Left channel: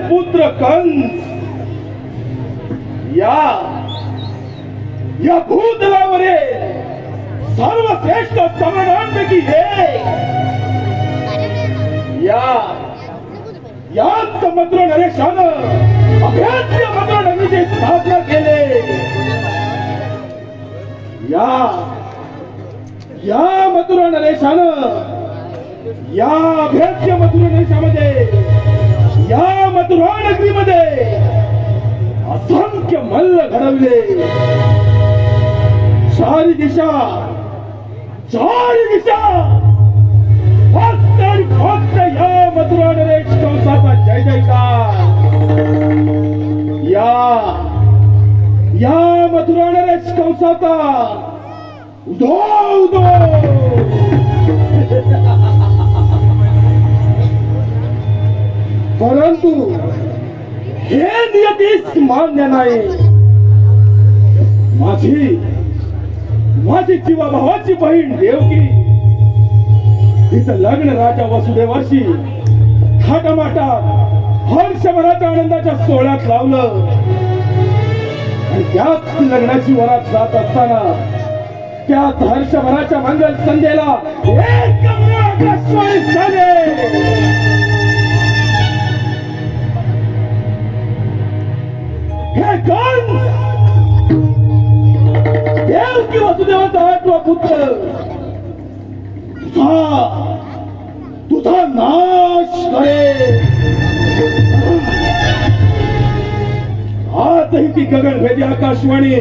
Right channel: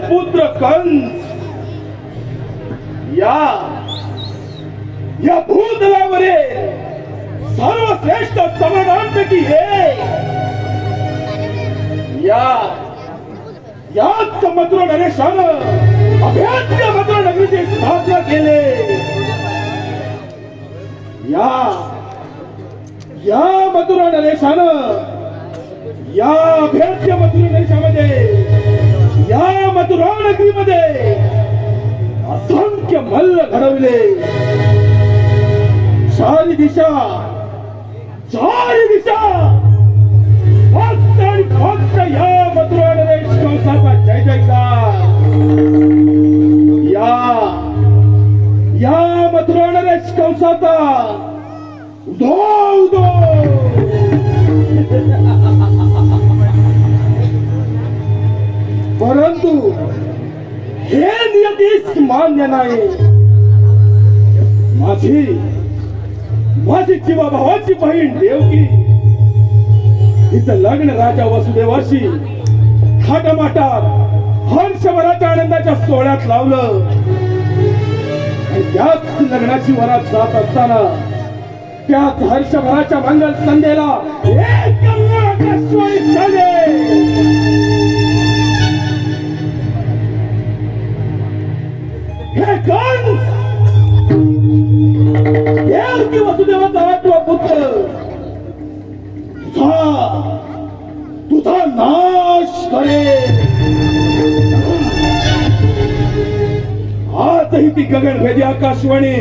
पुत्र कंस या भूतलावरील सर्वश्रेष्ठ सम्राटांपैकी एक याच मथुरा नरेशानं अभेद्य मथुरा नगरीची स्थापना केली. या मथुरा नरेशानं या अभेद्य मथुरा नरेशामध्ये या मथुरा नगरीमध्ये असंख्य मल्ल घडवले. चारी दिशा फक्त या मथुरा नरेश कंसाचा जय जयकार. या मथुरा नरेश कंसाचा उदो उदो. परंतु हे नियतीस मान्य नाही. माझी जीवाभावाची बहीण देवकी तिचं लग्न राजा वसुदेवाशी थाटामाटात हर्षभराच्या आनंदाच्या सोहळ्यात लावलं. आणि त्याच लग्नाची वरात जात असताना त्याच हर्षभराच्या मंगल संध्येला एक आकाशवाणी झाले. हे कंस देवकी वसुदेवाचा आठवा पुत्र तुझा नाश करे. आजही ती गगनभेदी आकाशवाणी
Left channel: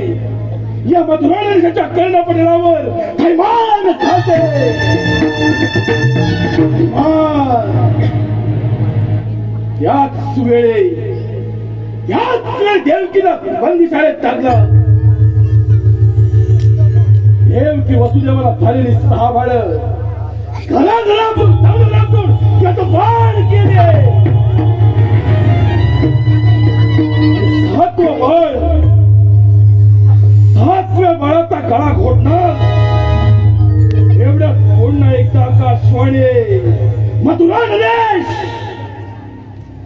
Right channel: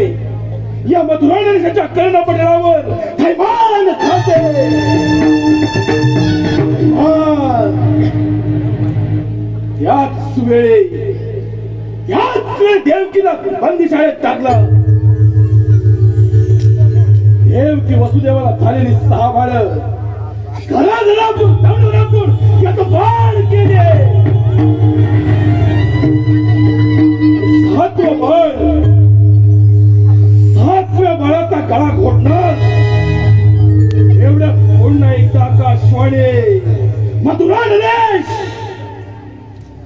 या मथुरा नरेशाच्या कर्णपटलावर थैमान खाते. याच वेळी देवकीला बंदीशाळेत टाकलं. देवकी वसुदेवाला झालेली 6 बाळं घराघरातून त्याचं बाळ केले. 7वं बाळ 7व्या बाळाचा गळा घोटणार. एवढ्या पुन्हा एकदा आकाशवाणी मथुरा नरेश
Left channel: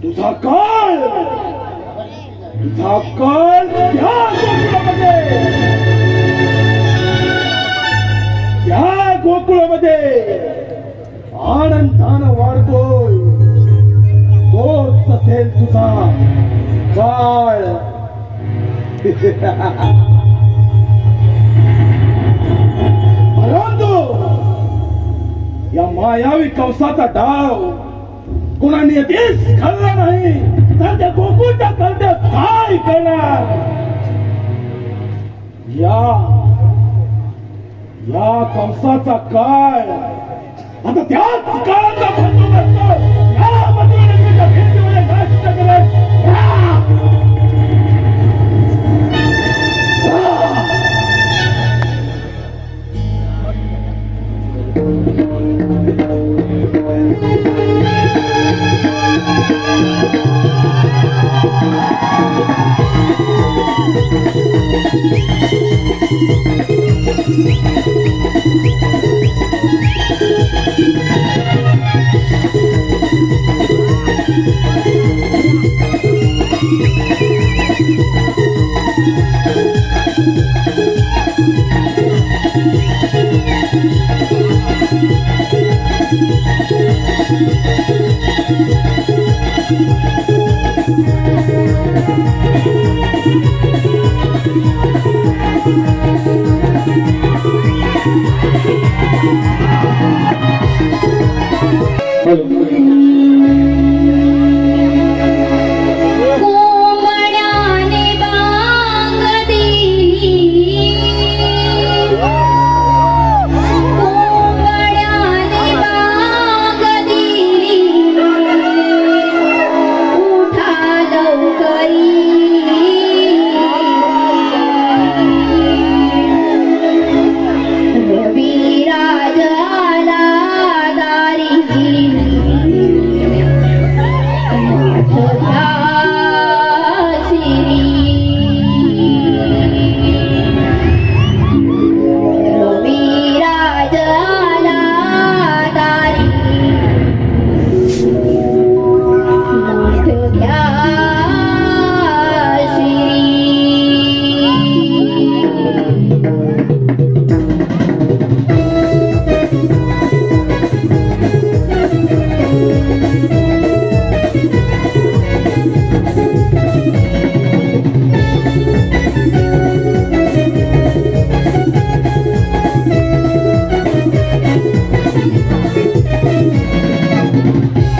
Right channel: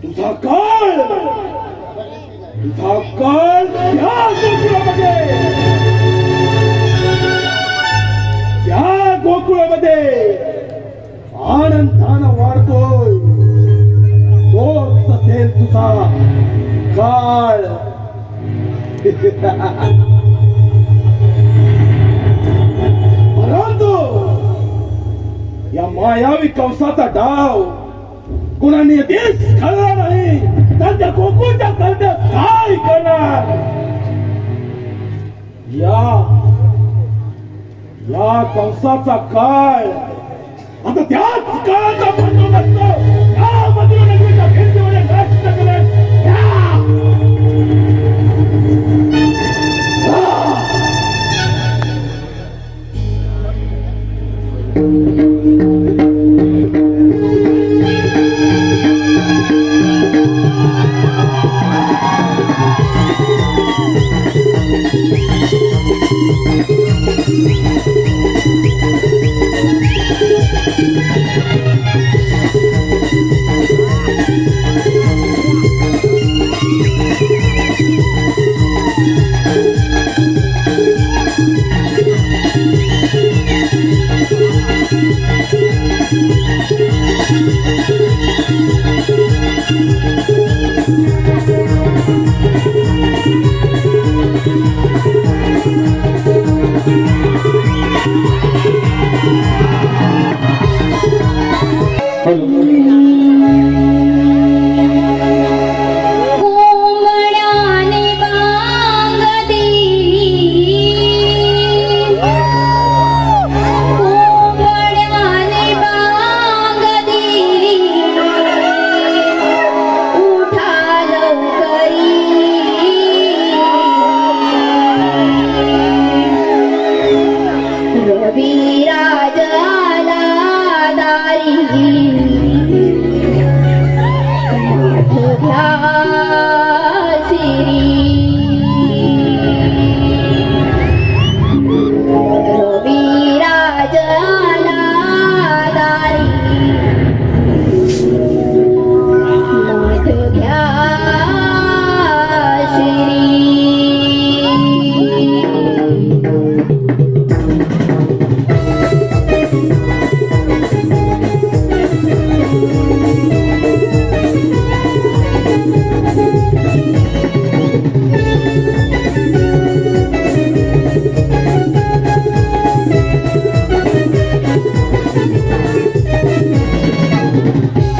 तुझा काळ या गोकुळामध्ये आनंदानं वाढतोय. तोच असेल तुझा काळ. परंतु या मायावी कंसाचा डाव कुणा नियतीस कळला नाही. त्यांच्या गोकुळच्या कळण्यात काय करणार. या कंसाचा काळ आता त्याच काळाचा बंदोबस्त या मथुरा नगरीच्या भिंतीमध्ये नष्ट करेल.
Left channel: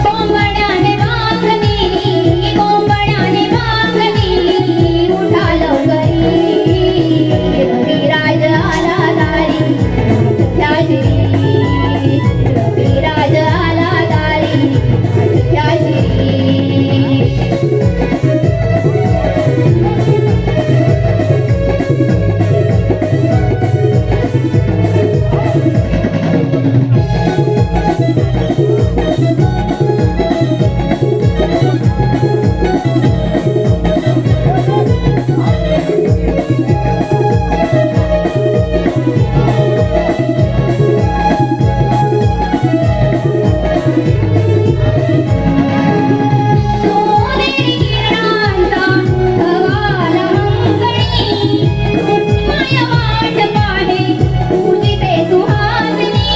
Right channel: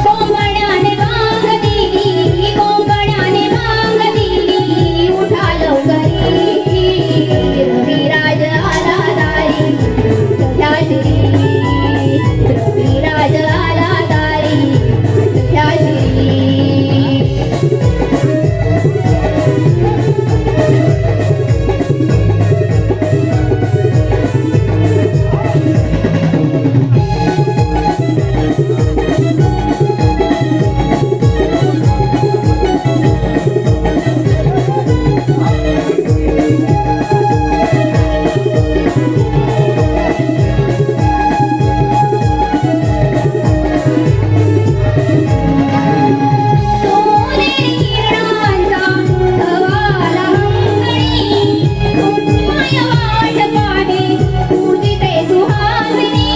कोंबड्याने वाघ दिली, कोंबड्याने वाघ दिली, उठालो घरी, रविराज आला दारी, त्याची रविराज आला दारी, त्याची सोनेरी किरणांचा गवाला अंगणी, माया वाट पाहे पूजिते सुहासिनी.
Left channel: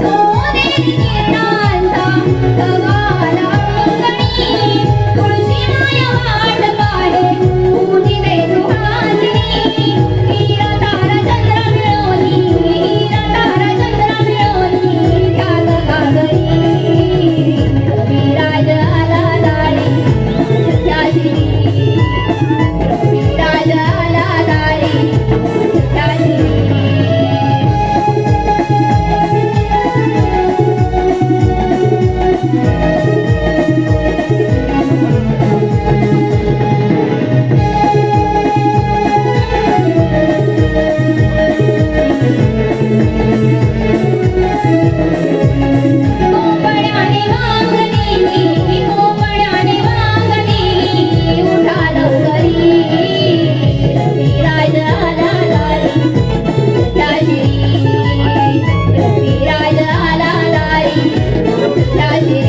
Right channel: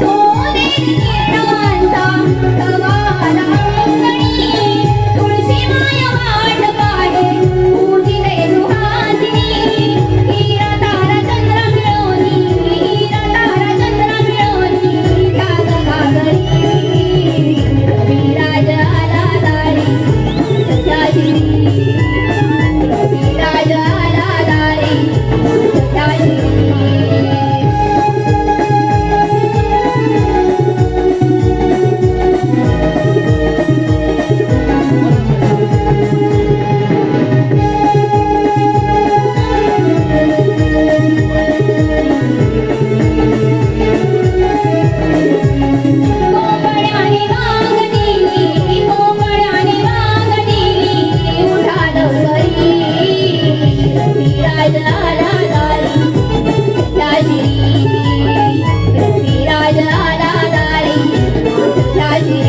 सोनेरी किरणांचा गवाला अंगणी, तुळशी माया वाट पाहे पूजिते सुहासिनी. हीरा तारा चंद्र मिळवली, हीरा तारा चंद्र मिळवली, त्या गगागरी, रविराज आला दारी, त्याची रविराज आला दारी, त्याची कोंबड्याने वाघ दिली, कोंबड्याने वाघ दिली, उठालो घरी, रविराज आला दारी, त्याची रविराज आला दारी, त्याची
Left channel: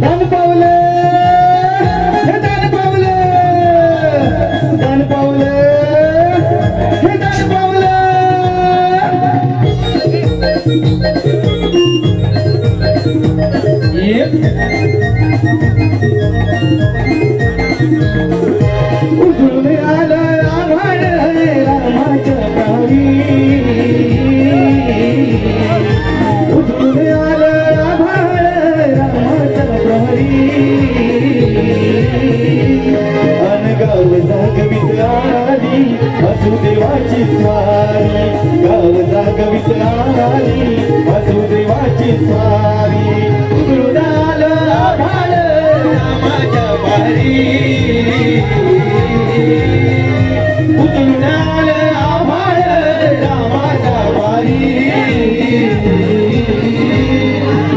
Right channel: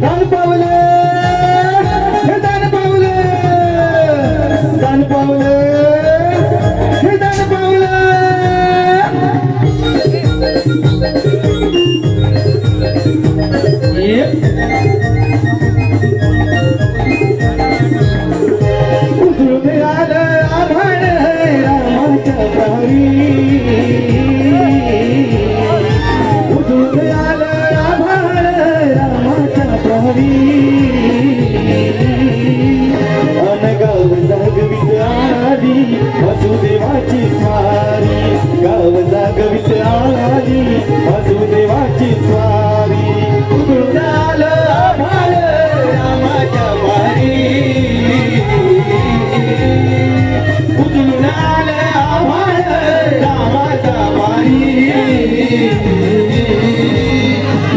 दान पावले, हे दान पावले, दान पावले, हे दान पावले. उजळून आलं आभाळ रामाच्या प्रहरी, उजळून आलं आभाळ रामाच्या प्रहरी. गाव जागवित आली वासुदेवाची स्वारी, गाव जागवित आली वासुदेवाची स्वारी. उजळून आलं आभाळ रामाच्या वारी, उजळून आलं आभाळ रामाच्या वारी.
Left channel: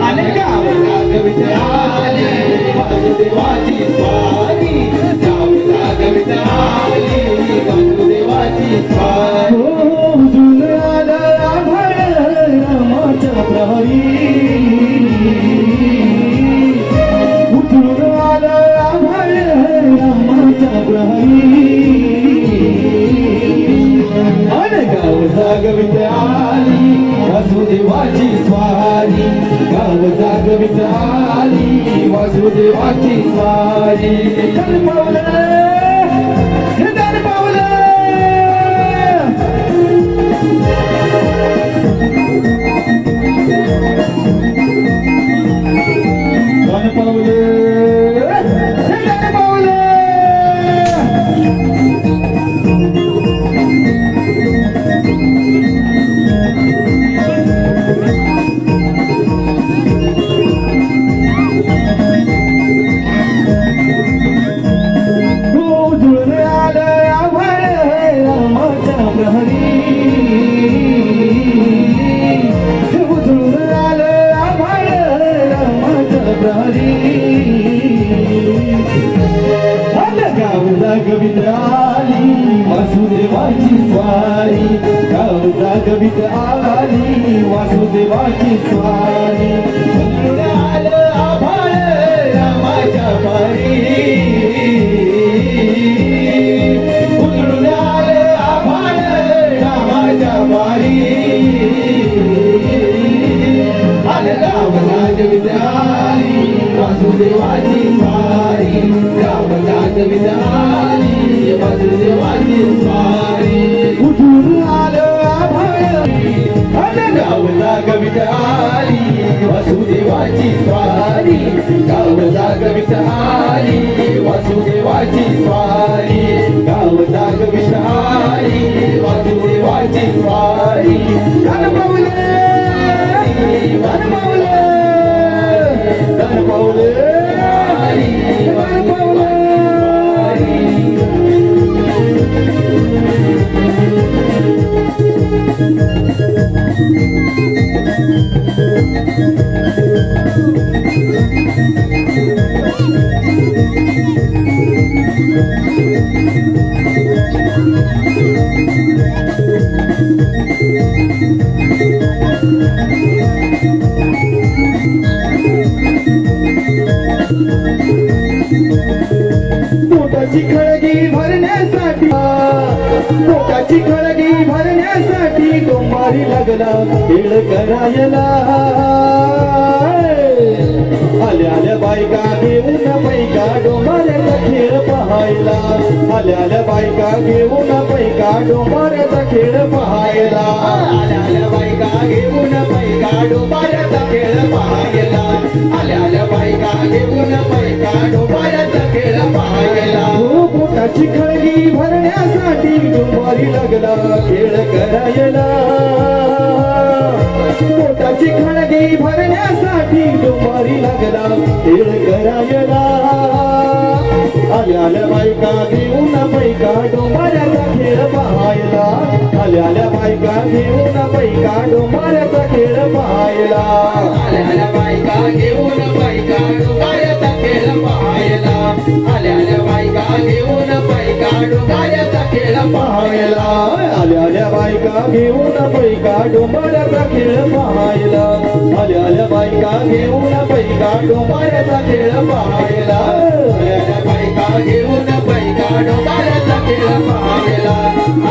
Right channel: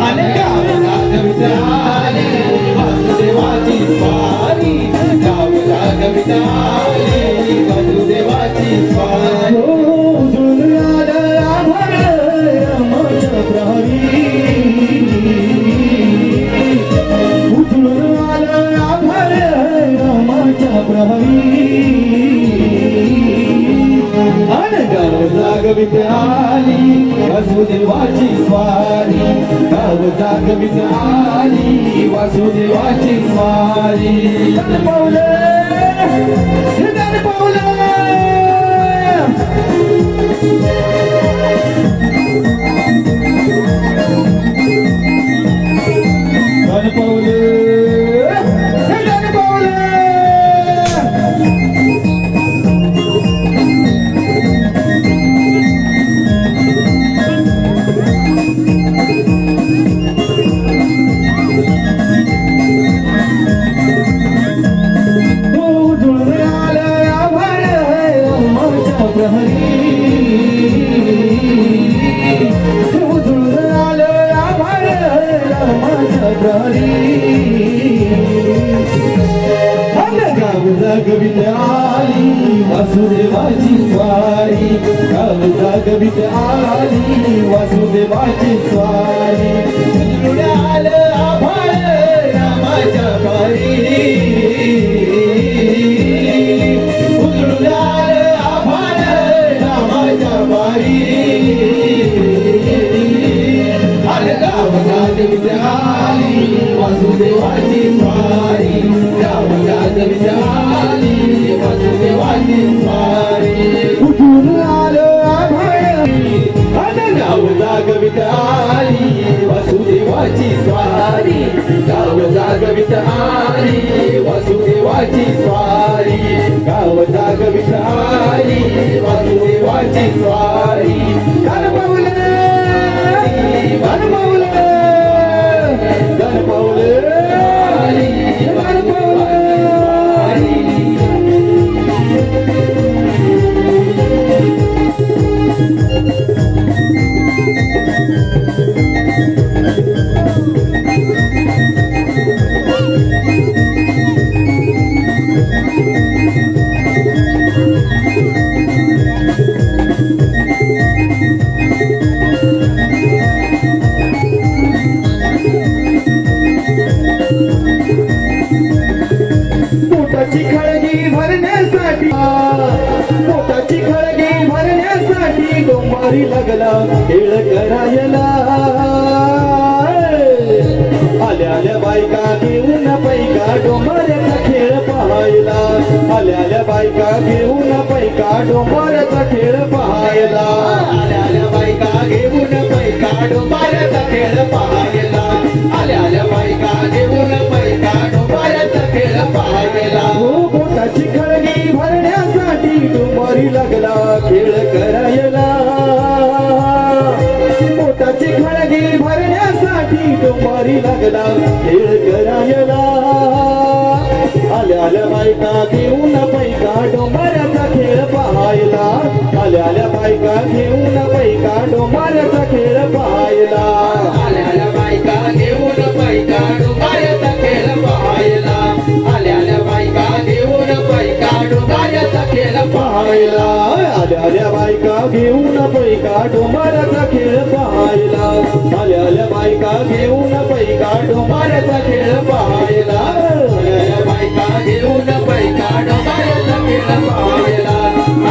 आणि गाव जागवित आली वासुदेवाची स्वारी, गाव जागवित आली वासुदेवाची स्वारी. उजळून आलं आभाळ रामाच्या प्रहरी, उजळून आलं आभाळ रामाच्या प्रहरी. आणि गाव जागवित आली वासुदेवाची स्वारी, गाव जागवित आली वासुदेवाची स्वारी. दान पावले, हे दान पावले. दान पावले, हे दान पावले. उजळून आलं आभाळ रामाच्या प्रहरी, उजळून आलं आभाळ रामाच्या प्रहरी. आणि गाव जागवित आली वासुदेवाची स्वारी, गाव जागवित आली वासुदेवाची स्वारी. उजळून आलं आभाळ रामाच्या प्रहरी, वासुदेवाची स्वारी गावाला गविता आली वासुदेवाची स्वारी कुठून आलो आभाळी गावाला गविता आली वासुदेवाची स्वारी गावाला गविता आली वासुदेवाची स्वारी गावाला गविता आली वासुदेवाची स्वारी गणपवले गणपवले गणपवले पोटाची खळगी भरण्यासाठी पोटाची खळगी भरण्यासाठी डोंबारी लागला खेळ करायला आल्या आल्या बायका घेऊन पैका डोंबाऱ्याचा खेळ पाहायला आल्या आल्या बायका घेऊन पैका डोंबाऱ्याचा खेळ पाहायला आल्या आल्या बायका घेऊन पैका डोंबाऱ्याचा खेळ पाहायला आल्या आल्या बायका घेऊन पैका डोंबाऱ्याचा खेळ पाहायला हो पोटाची खळगी भरण्यासाठी डोंबारी लागला खेळ करायला पोटाची खळगी भरण्यासाठी डोंबारी लागला खेळ करायला आल्या आल्या बायका घेऊन पैका डोंबाऱ्याचा खेळ पाहायला आल्या आल्या बायका घेऊन पैका डोंबाऱ्याचा खेळ पाहायला आल्या आल्या बायका घेऊन पैका डोंबाऱ्याचा खेळ पाहायला आल्या आल्या बायका घेऊन पैका डोंबाऱ्याचा खेळ पाहायला आल्या आल्या बायका घेऊन पैका डोंबाऱ्याचा खेळ पाहायला आल्या आल्या बायका घेऊन पैका डोंबाऱ्याचा खेळ पाहायला आल्या आल्या बायका घेऊन पैका डोंबाऱ्याचा खेळ पाहायला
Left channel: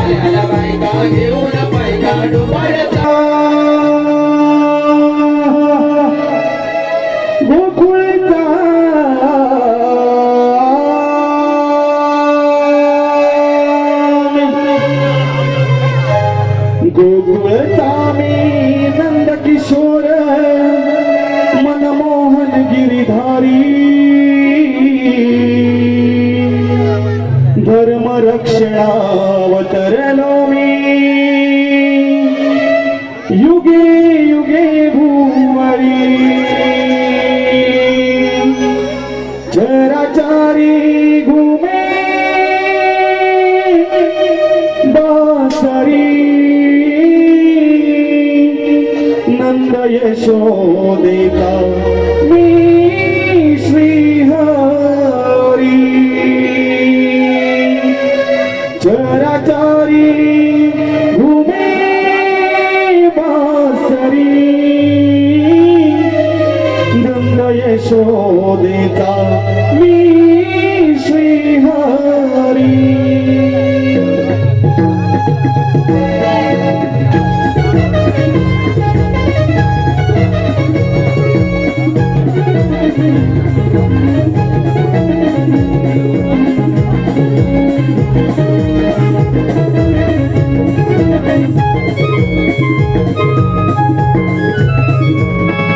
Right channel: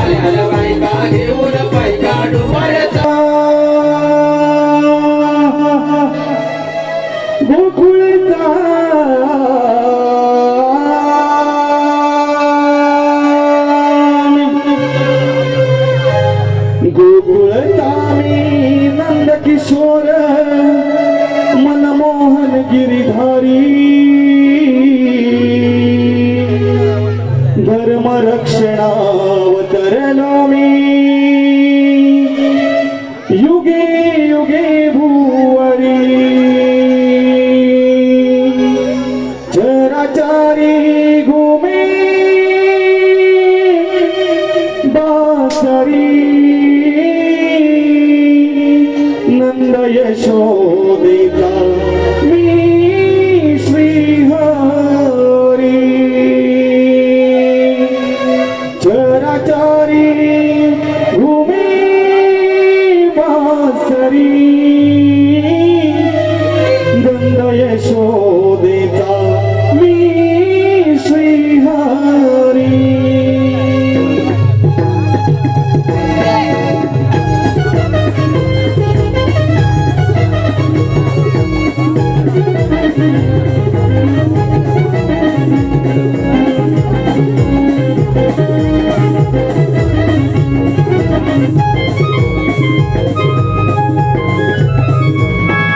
आल्या आल्या बायका घेऊन पैका डोंबाऱ्याचा गोकुळचा गोकुळचा मी नंद किशोर मनमोहन गिरिधारी धर्म रक्षणावतरलो मी युगे युगे भुवरी चराचारी घुमे बासरी नंद यशोदेचा मी श्रीहरी चराचारी घुमे बासरी नंद यशोदेचा मी श्रीहरी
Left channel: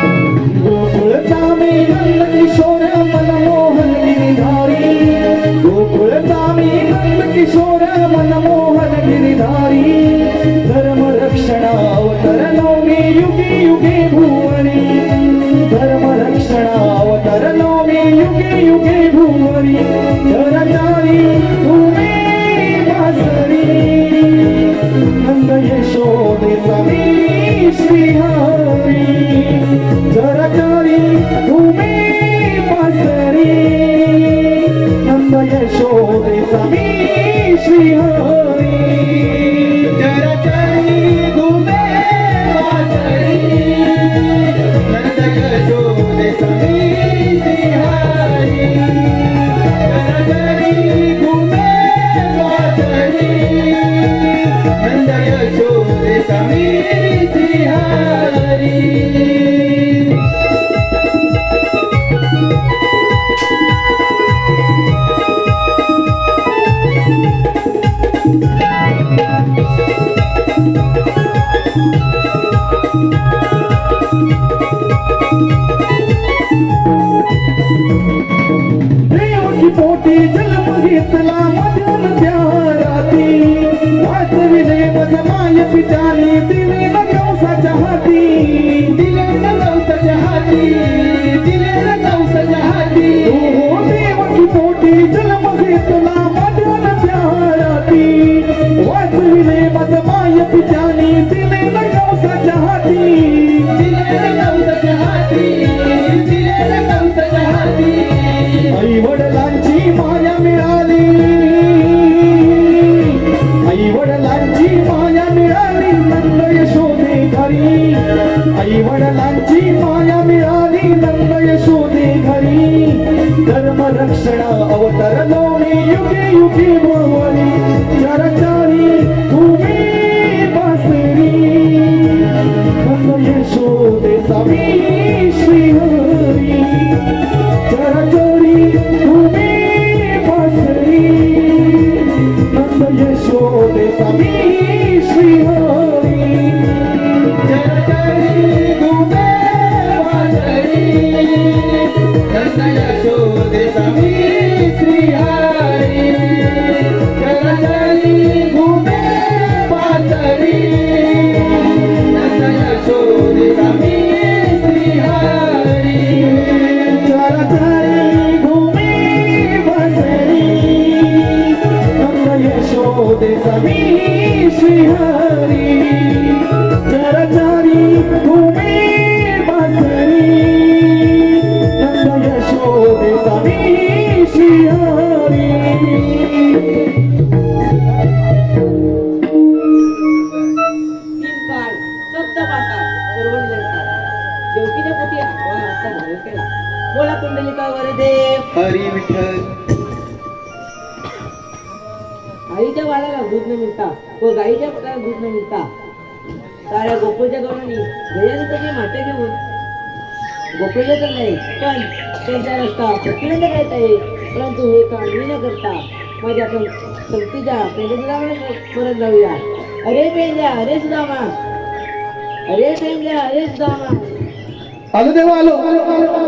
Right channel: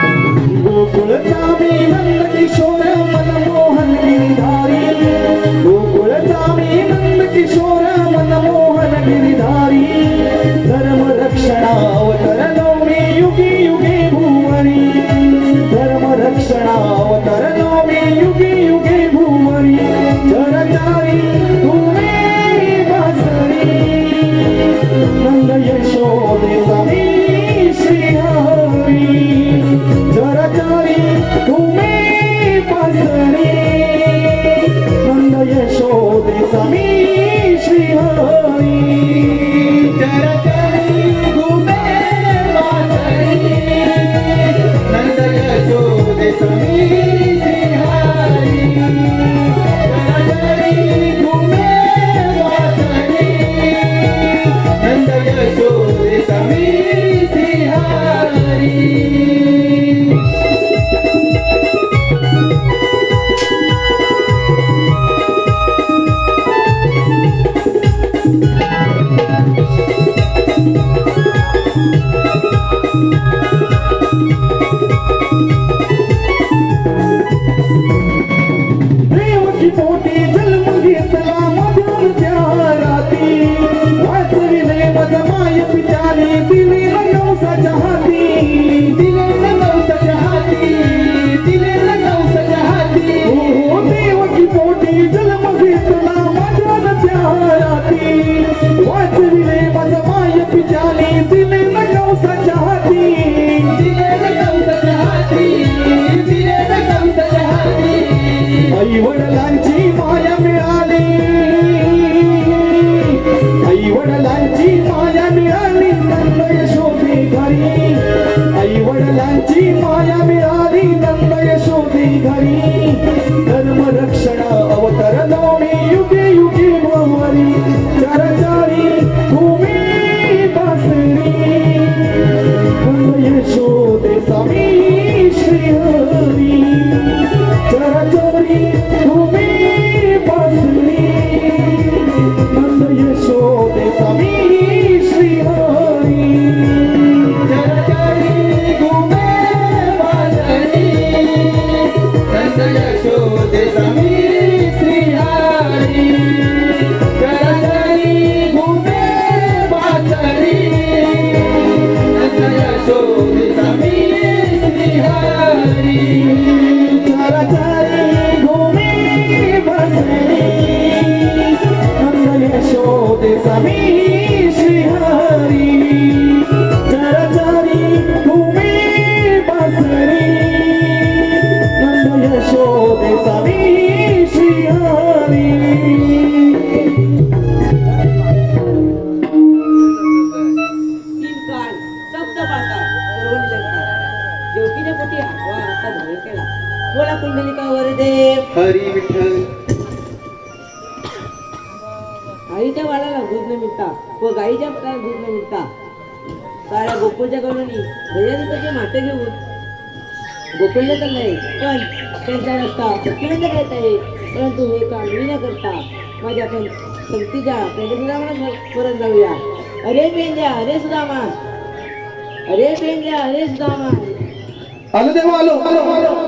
गोकुळचा मी नंद किशोर मनमोहन गिरिधारी गोकुळचा मी नंद किशोर मनमोहन गिरिधारी धर्म रक्षणावतरलो मी युगे युगे भुवरी धर्म रक्षणावतरलो मी युगे युगे भुवरी चरचारी तुमे वासरी नंद यशोदेचा मी श्रीहरी चरचारी तुमे वासरी नंद यशोदेचा मी श्रीहरी चरचारी तुमे वासरी नंद यशोदेचा मी श्रीहरी चरचारी तुमे वासरी नंद यशोदेचा मी श्रीहरी जन्म घेतला मधून त्या राती वाचविले मज माय पित्याने दिले न कंसाच्या हाती दिले न कंसाच्या हाती दिले न कंसाच्या हाती हो देवकी पोटी जन्म घेतला मधून त्या राती वाचविले मज माय पित्याने दिले न कंसाच्या हाती दिले न कंसाच्या हाती दिले न कंसाच्या हाती आई वडिलांची माया मिळाली आई वडिलांची माया मिळाली नंद यशोदे घरी आई वडिलांची माया मिळाली नंद यशोदे घरी धर्म रक्षण अवतर लोणी युगे युगे भवरी चरचारी तुम्ही बसरी नंद यशोदे स्वामी श्रीहरी चरचरी तुम्ही बसरी नंद यशोदे स्वामी श्रीहरी चरचरी तुम्ही बसरी नंद यशोदे स्वामी श्रीहरी चरचरी तुम्ही बसरी नंद यशोदे स्वामी श्रीहरी चरचरी भूमी बसरी नंद यशोदे स्वामी श्रीहरी चरचरी भूमी बसरी नंद यशोदे स्वामी श्रीहरी तीन काळ सप्त पाताळ सर्व निरंकार देवकीने पोटी आठवा आता घरी केला बोला कुंडलिका वरदे हरी विठ्ठल आईच्या बाळाला दूध न मिळता व गाईच्या पोटाला दूध न मिळता साऱ्या गोकुळच्या गवळणी गयाधिकाची माटे घेऊन गोकुळले तर नाही पण त्यांचा रस्ता पत्नीला करता येईल परंतु हे काम मी न करता माझ्या पण संगतीच्या पेंड्या सुदामाला परत जाऊया अरे पेंड्या अरे सुदामा अरे पेंड्या अरे सुदामा आलो देवा आलो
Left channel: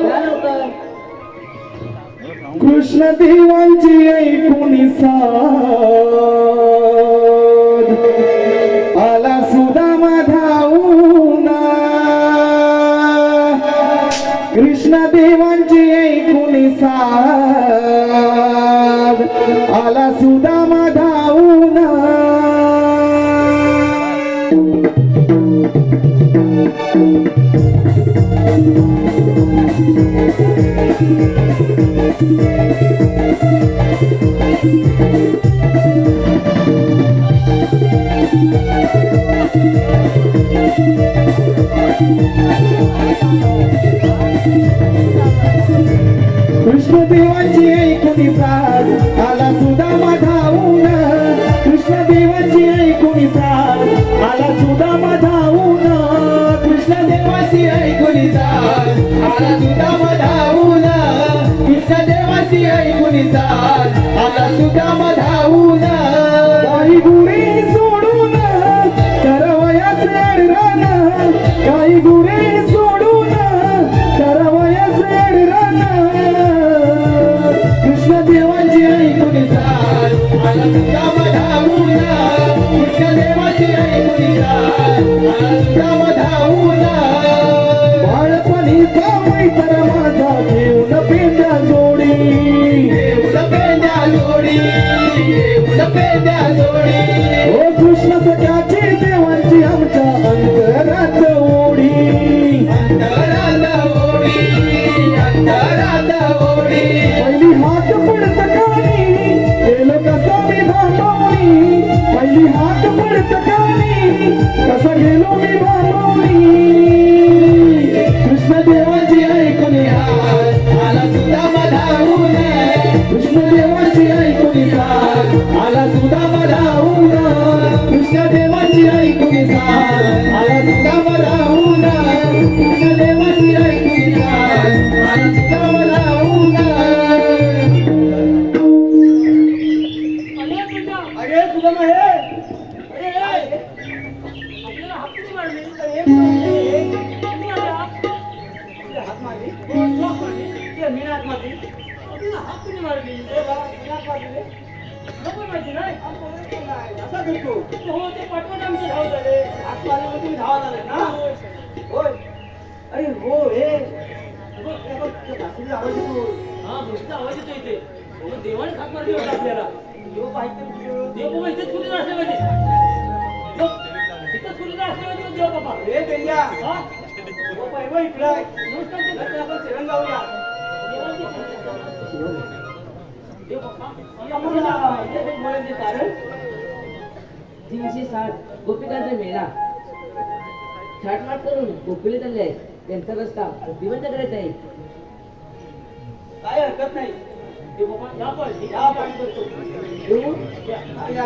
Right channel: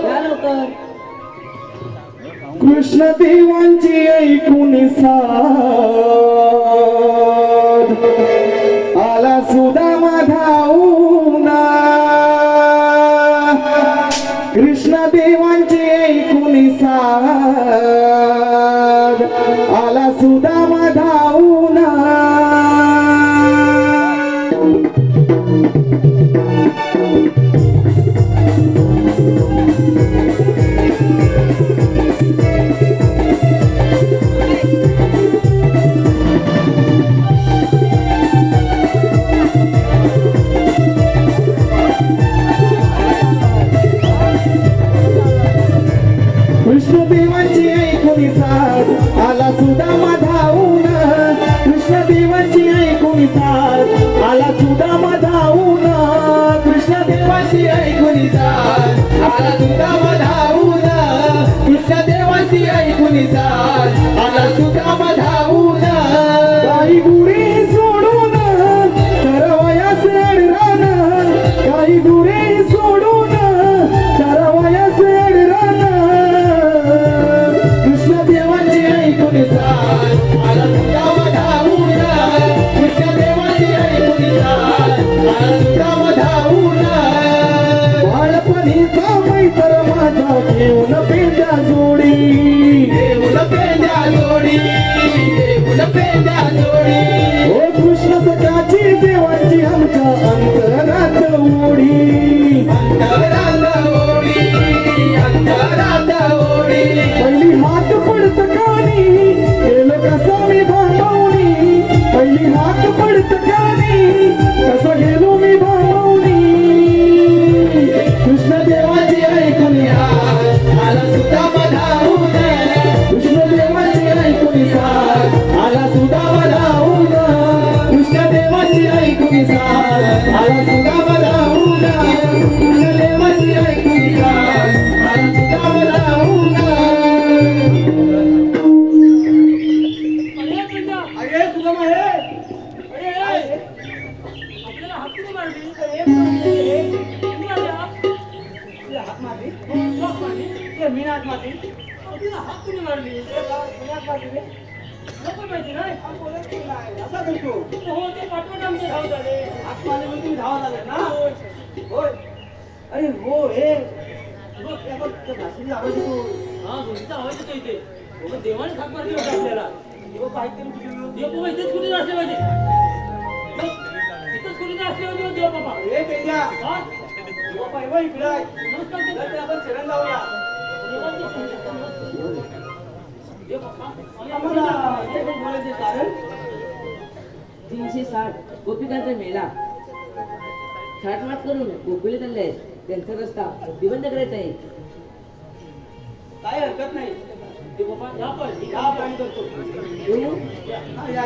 या लवकर कृष्ण देवांची ऐकून साध आला सुदामा धावून कृष्ण देवांची ऐकून साध आला सुदामा धावून कृष्णदेवांची ऐकून साध आला सुदामा धावून कृष्णदेवांची ऐकून साध आला सुदामा धावून कृष्णदेवांची ऐकून साध आला सुदामा धावून कृष्णदेवांची ऐकून साध आला सुदामा धावून काही गुरे सोडून सरवयास अडरान काही गुरे सोडून सरवयास अडरान कृष्णदेवांची ऐकून साध आला सुदामा धावून कृष्णदेवांची ऐकून साध आला सुदामा धावून बाळपणीचा मैत्र माझा घेऊन पेंड्या जोडी घेऊन पेंड्या जोडी घेऊन पेंड्या जोडी ओ कृष्ण सखाचे देवांची आमच्या अंतरात ओढी अंतरात ओढी अंतरात ओढी पहिली हात पडत कानी केलं कसं मी भांडवणी पहिली हात पडत कानी कसं गेलो मी भांडवणी कृष्णदेवाची ऐकून आला सुदामा धावून कृष्णदेवाची ऐकून आला सुदामा कसा करतो हो ते पाठवण आमचं धाव झाले आतमध्ये मग तुम्ही धावत आले ना होय अरे हो हे बघ त्या बघ त्या भाषेचा आवाज येतो हा गुंजीचा आवाज येतो इथे मग देवाने हाक मारली होता आपल्याला देव पाहिजे कुठे देव बाबा इथेच कुठे असले पाहिजे बघ, इथंच कुठे असले पाहिजे देव बाबा हे पेंड्या हा देव पाहिजे इकडे आहे. नमस्कार तर ते आपण शरण गावूया देव बाबा आपण इथे काही बोलायचे कारण 360 गोपिकांचा मेळा छाटमाट करून गोपीला चालले आहेत त्यांचा रस्ता दिवंत करायचा आहे काय हरकत नाही देव बाबा या पण या पाणी करतो येऊ हा, या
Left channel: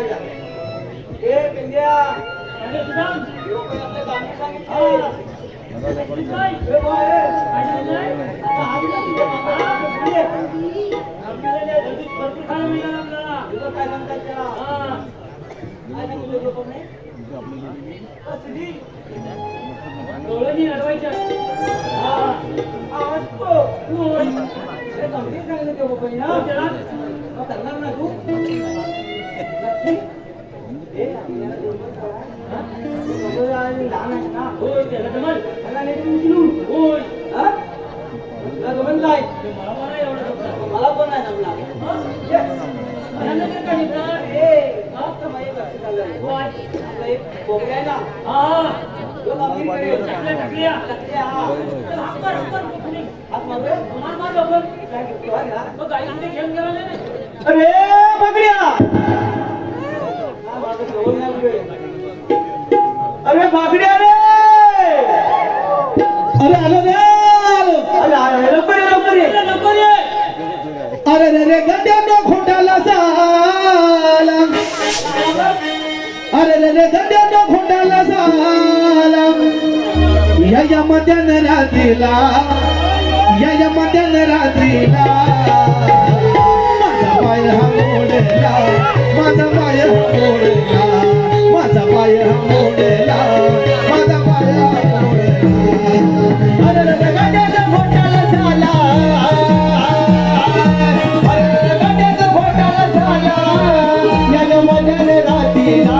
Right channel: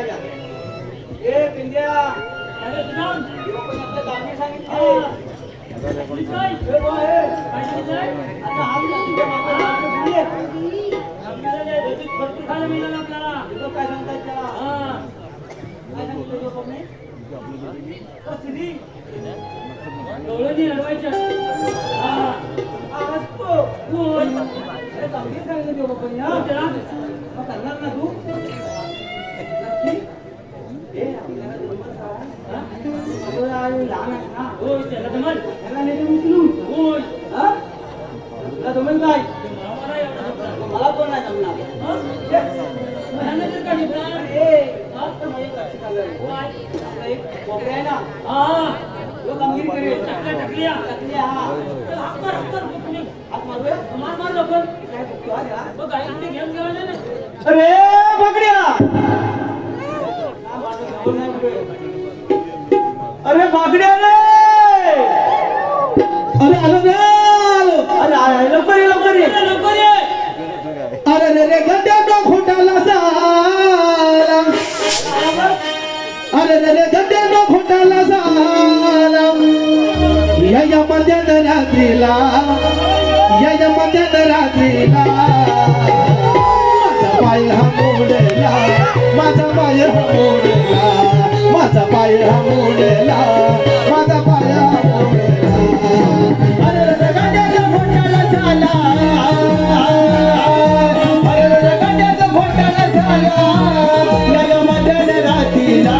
ए पेंड्या अरे तुझा देव पण आपल्या गावी सांगितले काय हे बघ, हे. काय झालंय आता हात लागतो बाबा, हात घरी ये. आपल्याला घरी भरपूर खायला मिळालं आपल्याला तुझं काय सांगतात त्याला हा काय सांगतोय तो कोणी? ओ, सिद्धी, डोळ्यांनी अडवायच्या हा हा हसतो. होय अरे चांगली सांगितलं ते बाबांनी, हा. हो त्याला मग सांगणार ना तू नक्की ए, आपल्याला जमत काय? हा? मुलं आणि लहान आहेत ना होय त्याला जमल त्याला नेते उचलून होय हा? तुला जमेल काय मला मला एवढं जमलं. मला पण नाही जमणार हा? मला तर काय जमणार? ए, फक्त माझी लक्षात आलं. होय. आपला एक बोबड्या आहे ना हा तो कामगिरी करेल टाकल्या टाकल्या टाकल्या, हा. त्याला हाक मार, हाक मार. कुणी? हात मारूया मार मार लवकर काय करतो हा त्याला? बघ आई इथे घेऊन गेला नाही ना अरे बकऱ्या हा, माझं जवळ नाही उभे. अरे बकऱ्या रे अरे आलो ना आलो अरे आहे, लवकर ये लवकर ये अरे लवकर ये अरे रे गड्ड्यानो खोटाला साला अरे रे गड्ड्यानो खोटाला साला या मध्यान रात्रीला या मध्यान रात्रीला माझा पाय हा मोडला माझा पाय हा मोडला माझा पाय हा मोडला माझा पाय हा मोडला अरे रे गड्ड्यानो खोटाला साला अरे रे गड्ड्यानो खोटाला साला या मध्यान रात्रीला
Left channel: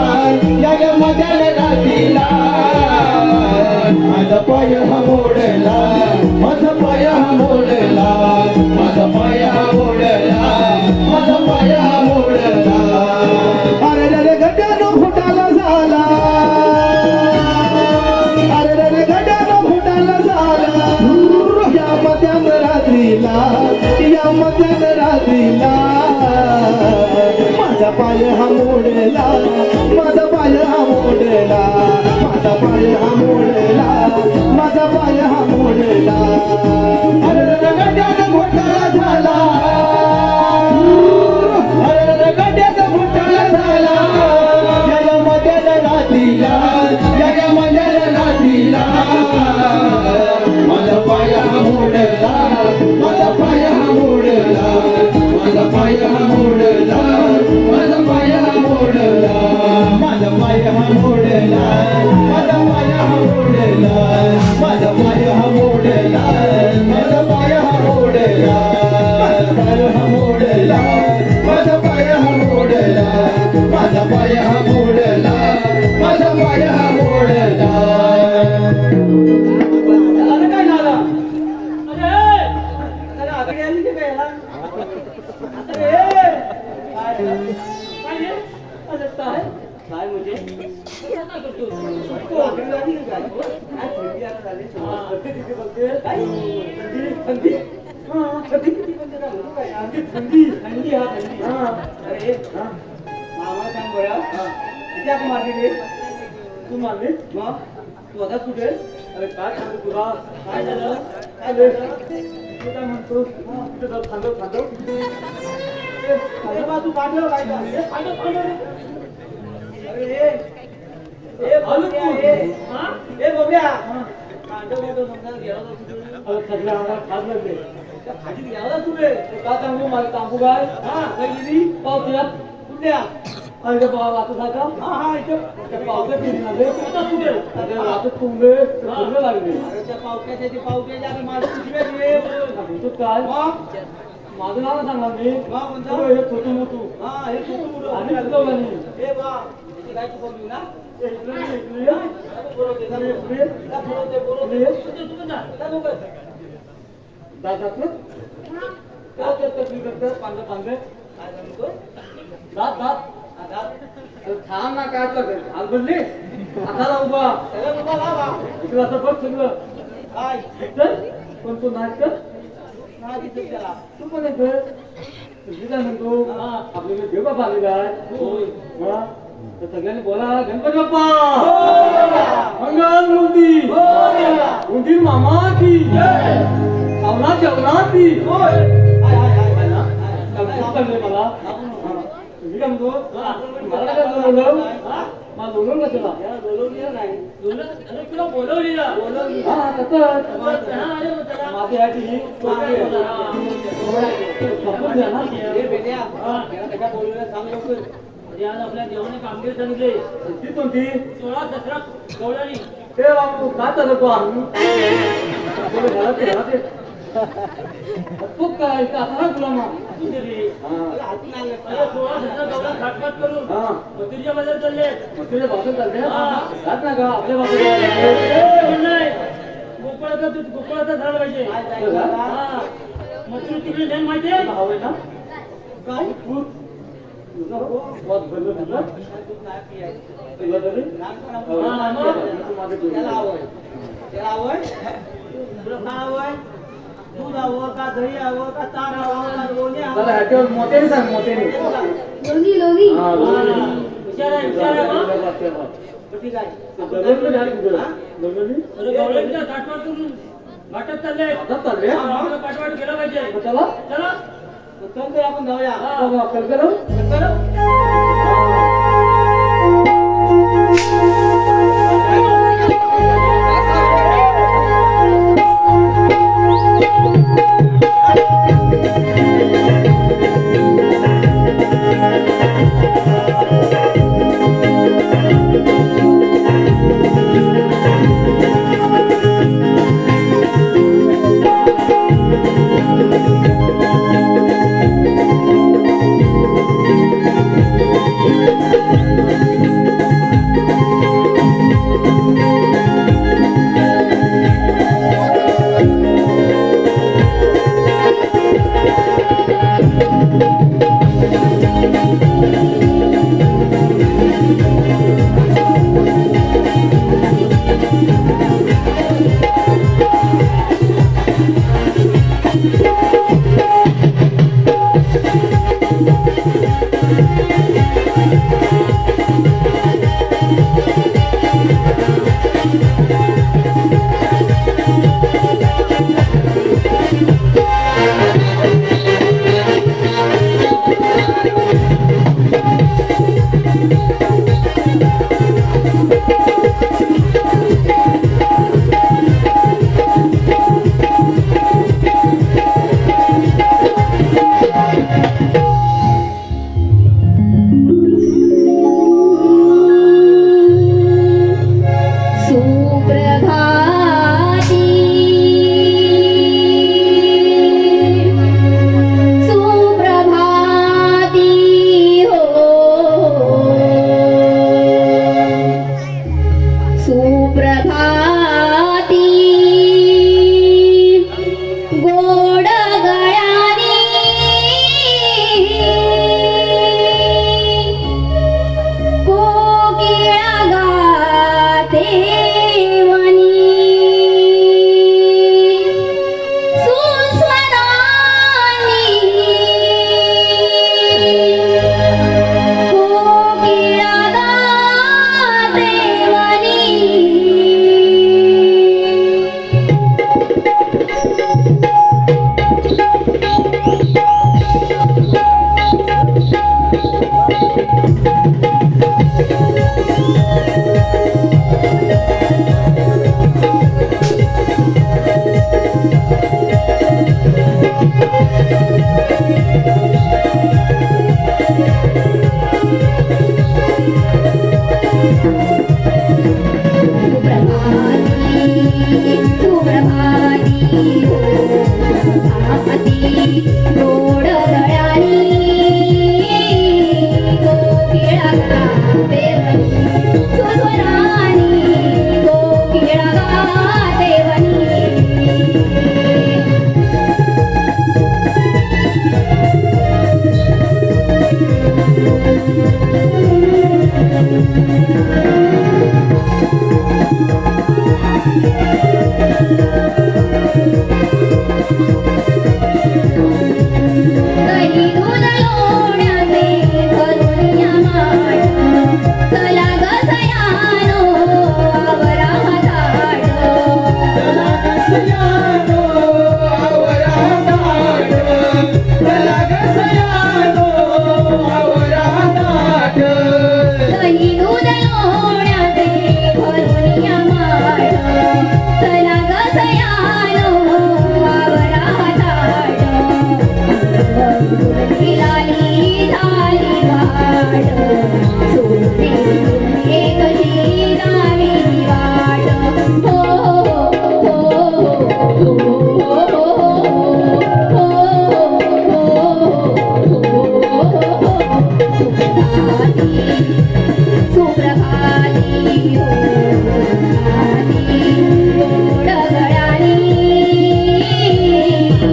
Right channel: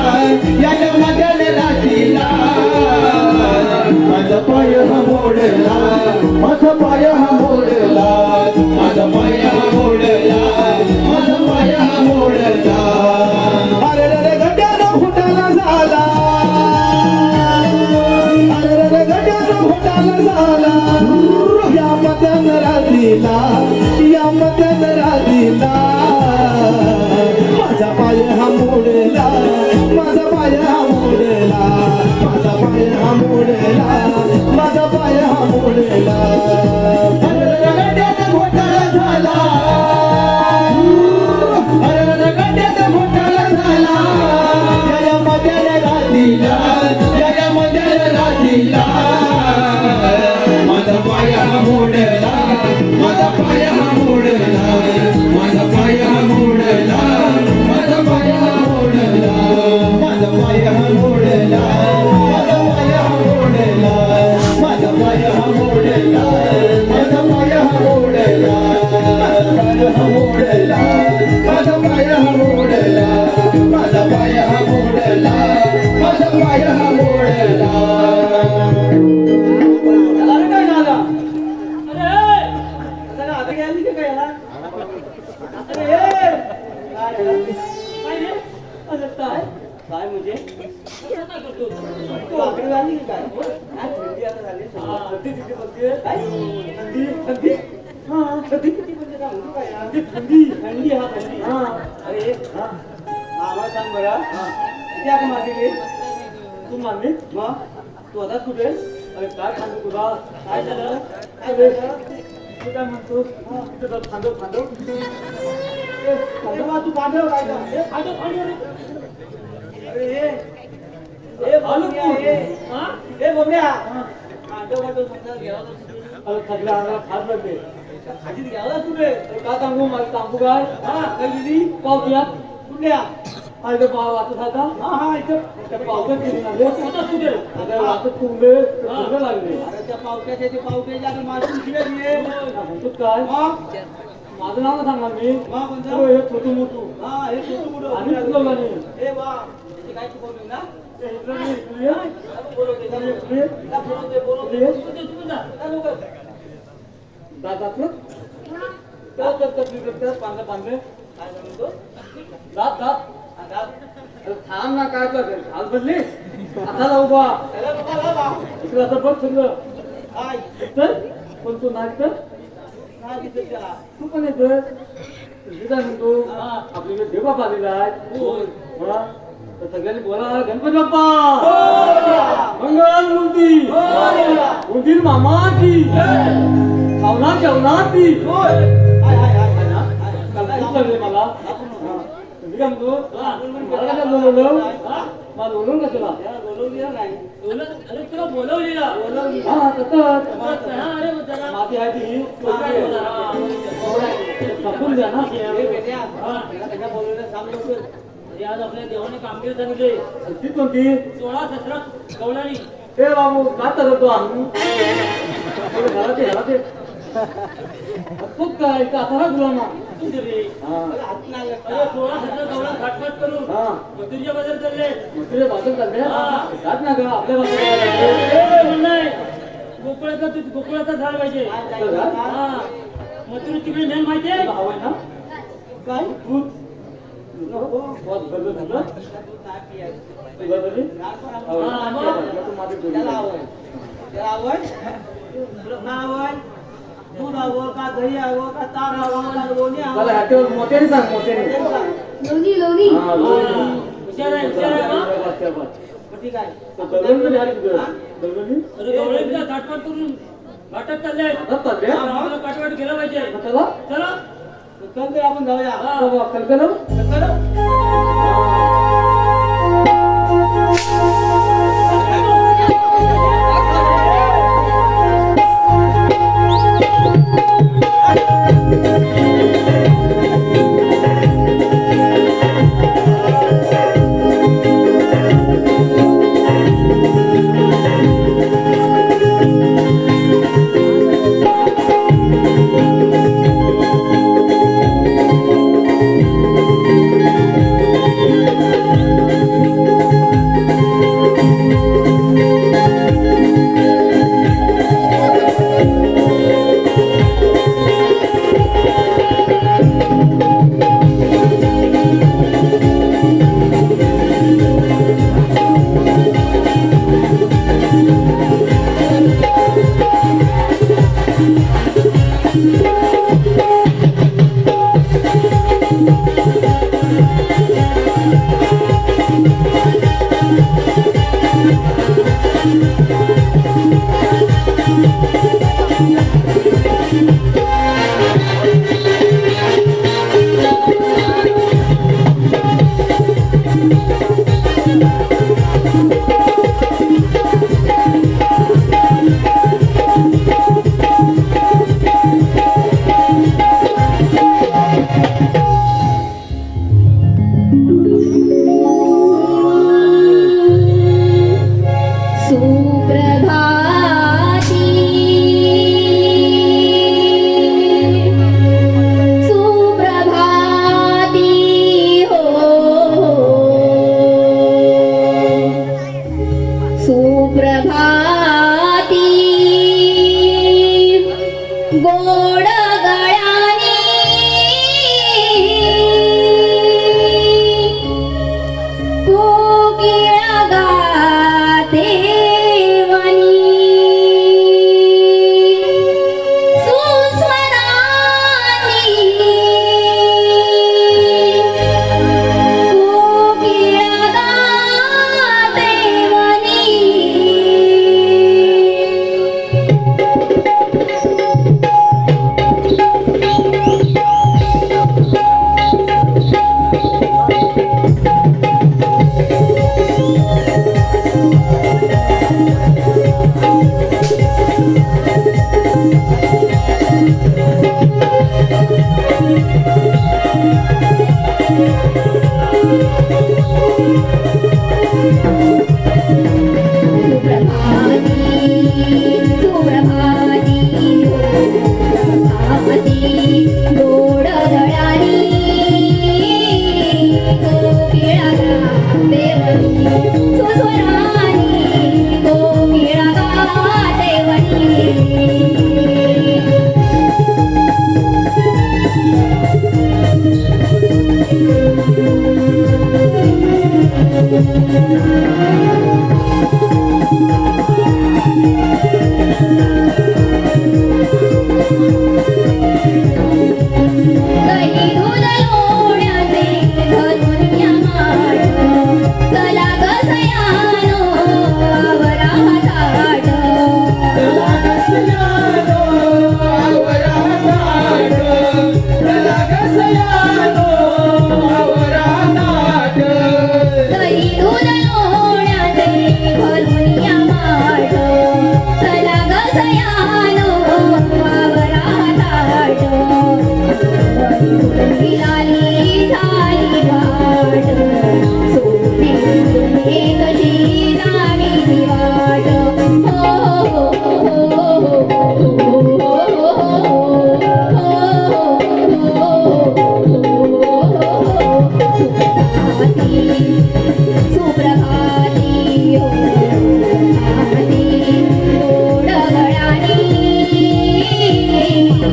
या मध्यान रात्रीला माझा पाय हा मोडला माझा पाय हा मोडला माझा पाय हा मोडला माझा पाय हा मोडला अरे रे गड्ड्यानो फुटाला झाला अरे रे गड्ड्यानो फुटाला झाला या मध्यान रात्रीला या मध्यान रात्रीला माझा पाय हा मोडला माझा पाय हा मोडला माझा पाय हा मोडला माझा पाय हा मोडला अरे रे गड्ड्याचा घोटाळा झाला अरे रे गड्ड्याचा घोटाळा झाला या मध्यान रात्रीला या मध्यान रात्रीला माझा पाय हा मोडला माझा पाय हा मोडला माझा पाय हा मोडला माझा पाय हा मोडला माझा पाय हा मोडला माझा पाय हा मोडला माझा पाय हा मोडला माझा पाय हा मोडला माझा पाय हा मोडला माझा पाय हा मोडला माझा पाय हा मोडला त्याला रे काय झालं अरे त्याला आगडी आली की काय याला? अरे काय काय रे अरे काय काय म्हणजे कसं काय करतो तू आगडी झाली की काय काय थंडी आता झाली थंडी किती बोलते काय थंडी थंडी हा थंडी किती बोलते काय म्हणतो काय थंडी थंडी हा थंडी हा अरे हा आम्हाला सांग बरं हा किती आग मारली तू मारली मग तू आता कुठे अरे काय सांगतो तुला काय झालं काय झालं तू काय म्हणतो तिथं थांबव थांबव तू पाठव काय सांगते खांदो खांदो रे अरे ए भालू बबड्या, ए हा ए बबड्या पाठव पाठव समजा घ्यावं सगळ्या अंगाला खात लागले त्या खाजीत घ्यावं तुले का सांगू मला सांगू काय हा काय गेली पावत्यात कुठल्या अरे बाबा वाचत आता हा हा इथं पावत्यात गेली ना रे आता कुठे अरे वाचत तुंबले तुंबले लागले अरे त्या पावत्याच्या ते पावत्याच्या आणि माझी शिव्या दिले म्हणतो काय माझं नाव सांगा मी कोणतं हे छोटू मोठू हा हे छोटू मोठू आणि ए वा काय शिकवली ना थांब ना काय आज बदली आता जाऊ बा इकडे असं बघ सगळं काय पण तू नाच तू पण येतोय काय म्हणतो आपल्याला देव बाबा आलेला आहे तर सगळ्यांनी बोला गणपती बाप्पा मंगल मूर्ती उंदीर मामा की खावना जेवणा की मला तुम्ही काय म्हणतो मला काय बोलवलं मला बोलवून का तुला बोलवलेलं नाही तुला बोलवलेलं हा तसंच माती आहे छापून द्या ना सगळ्या बोलवलं सांग लवकर आज आपल्या देवाने कामगिरी सांगितली ती कोणती 16-17 कवळानी ते बाबू काय चालतो आम्ही घरात तू काय आता गुलामा रे 16-17 कवळा खाटखाट करून मथुरीच्या बाजार चालले मथुरीच्या बाजार चालले राहत ना का आपल्या बाजार नाही गोकुळाचा झाड पाहिजे मथुरी तिकडे नेन माहितीये आहे ना काय दूध बहुत भरलं तुझं दूध हवं का दही हवं का तार हवं का लोणी हवं मोठ्याने सांग मोठ्याने लोणी लोणी हुशार आहे ठीक आहे काटपाट करून वाटत चालले पाठवाट गेला पाहिजे चला चला तर आपण जाऊया गोड गळ्यानी तो केळा सुप्रभाती डोळ्यानी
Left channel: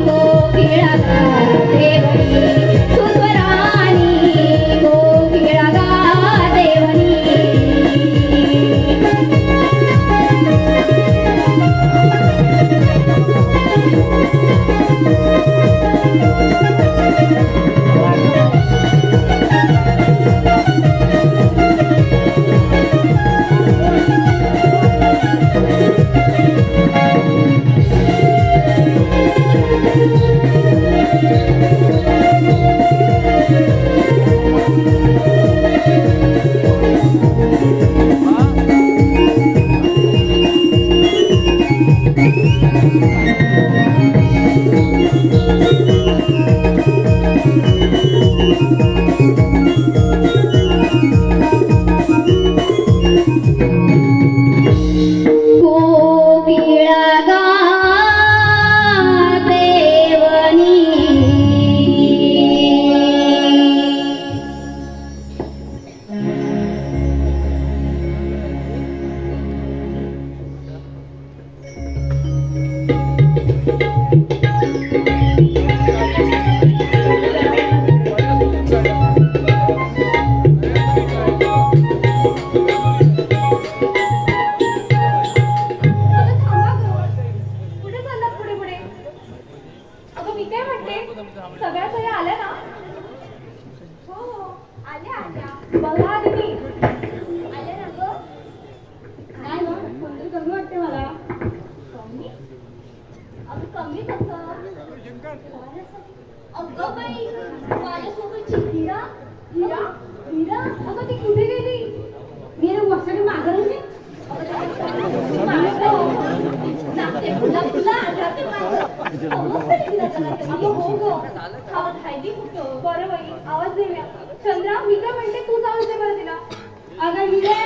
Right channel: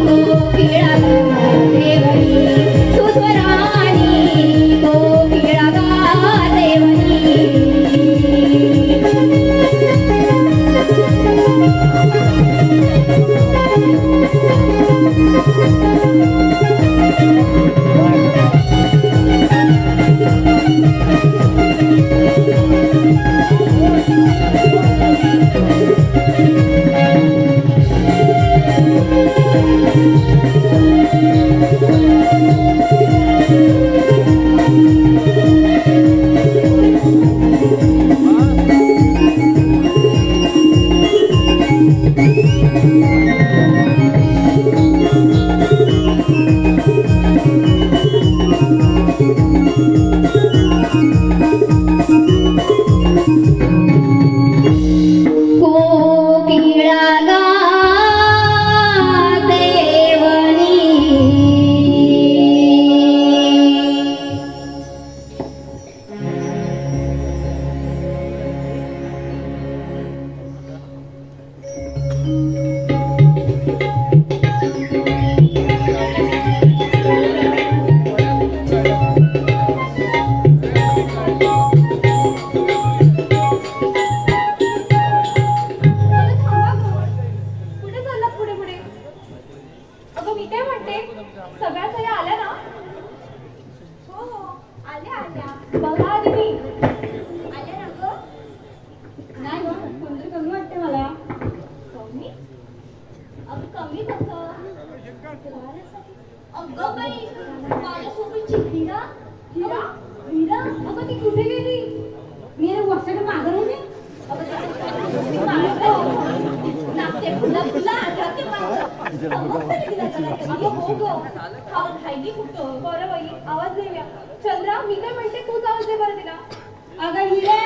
कोकिळा देवनी सुस्वरानी कोकिळा देवनी कोकिळा देवनी कुठे चाललात पुढे पुढे? अगं मी काय म्हणते, सगळ्या सोयी आल्या ना? हो हो आल्या. बघा आधी मी आल्या ना गं? नाही गं, कोणतरी कमी वाटते मला. कमी? अगं कमी कसं? अगं बाई, माझ्यासोबतची हिरा. अगं ती कुठे गेली? मीरा वर्षाने मागं नाही. चंद्रा मी काय म्हणते तू आवाज दे बरं तिला. अगं हिरे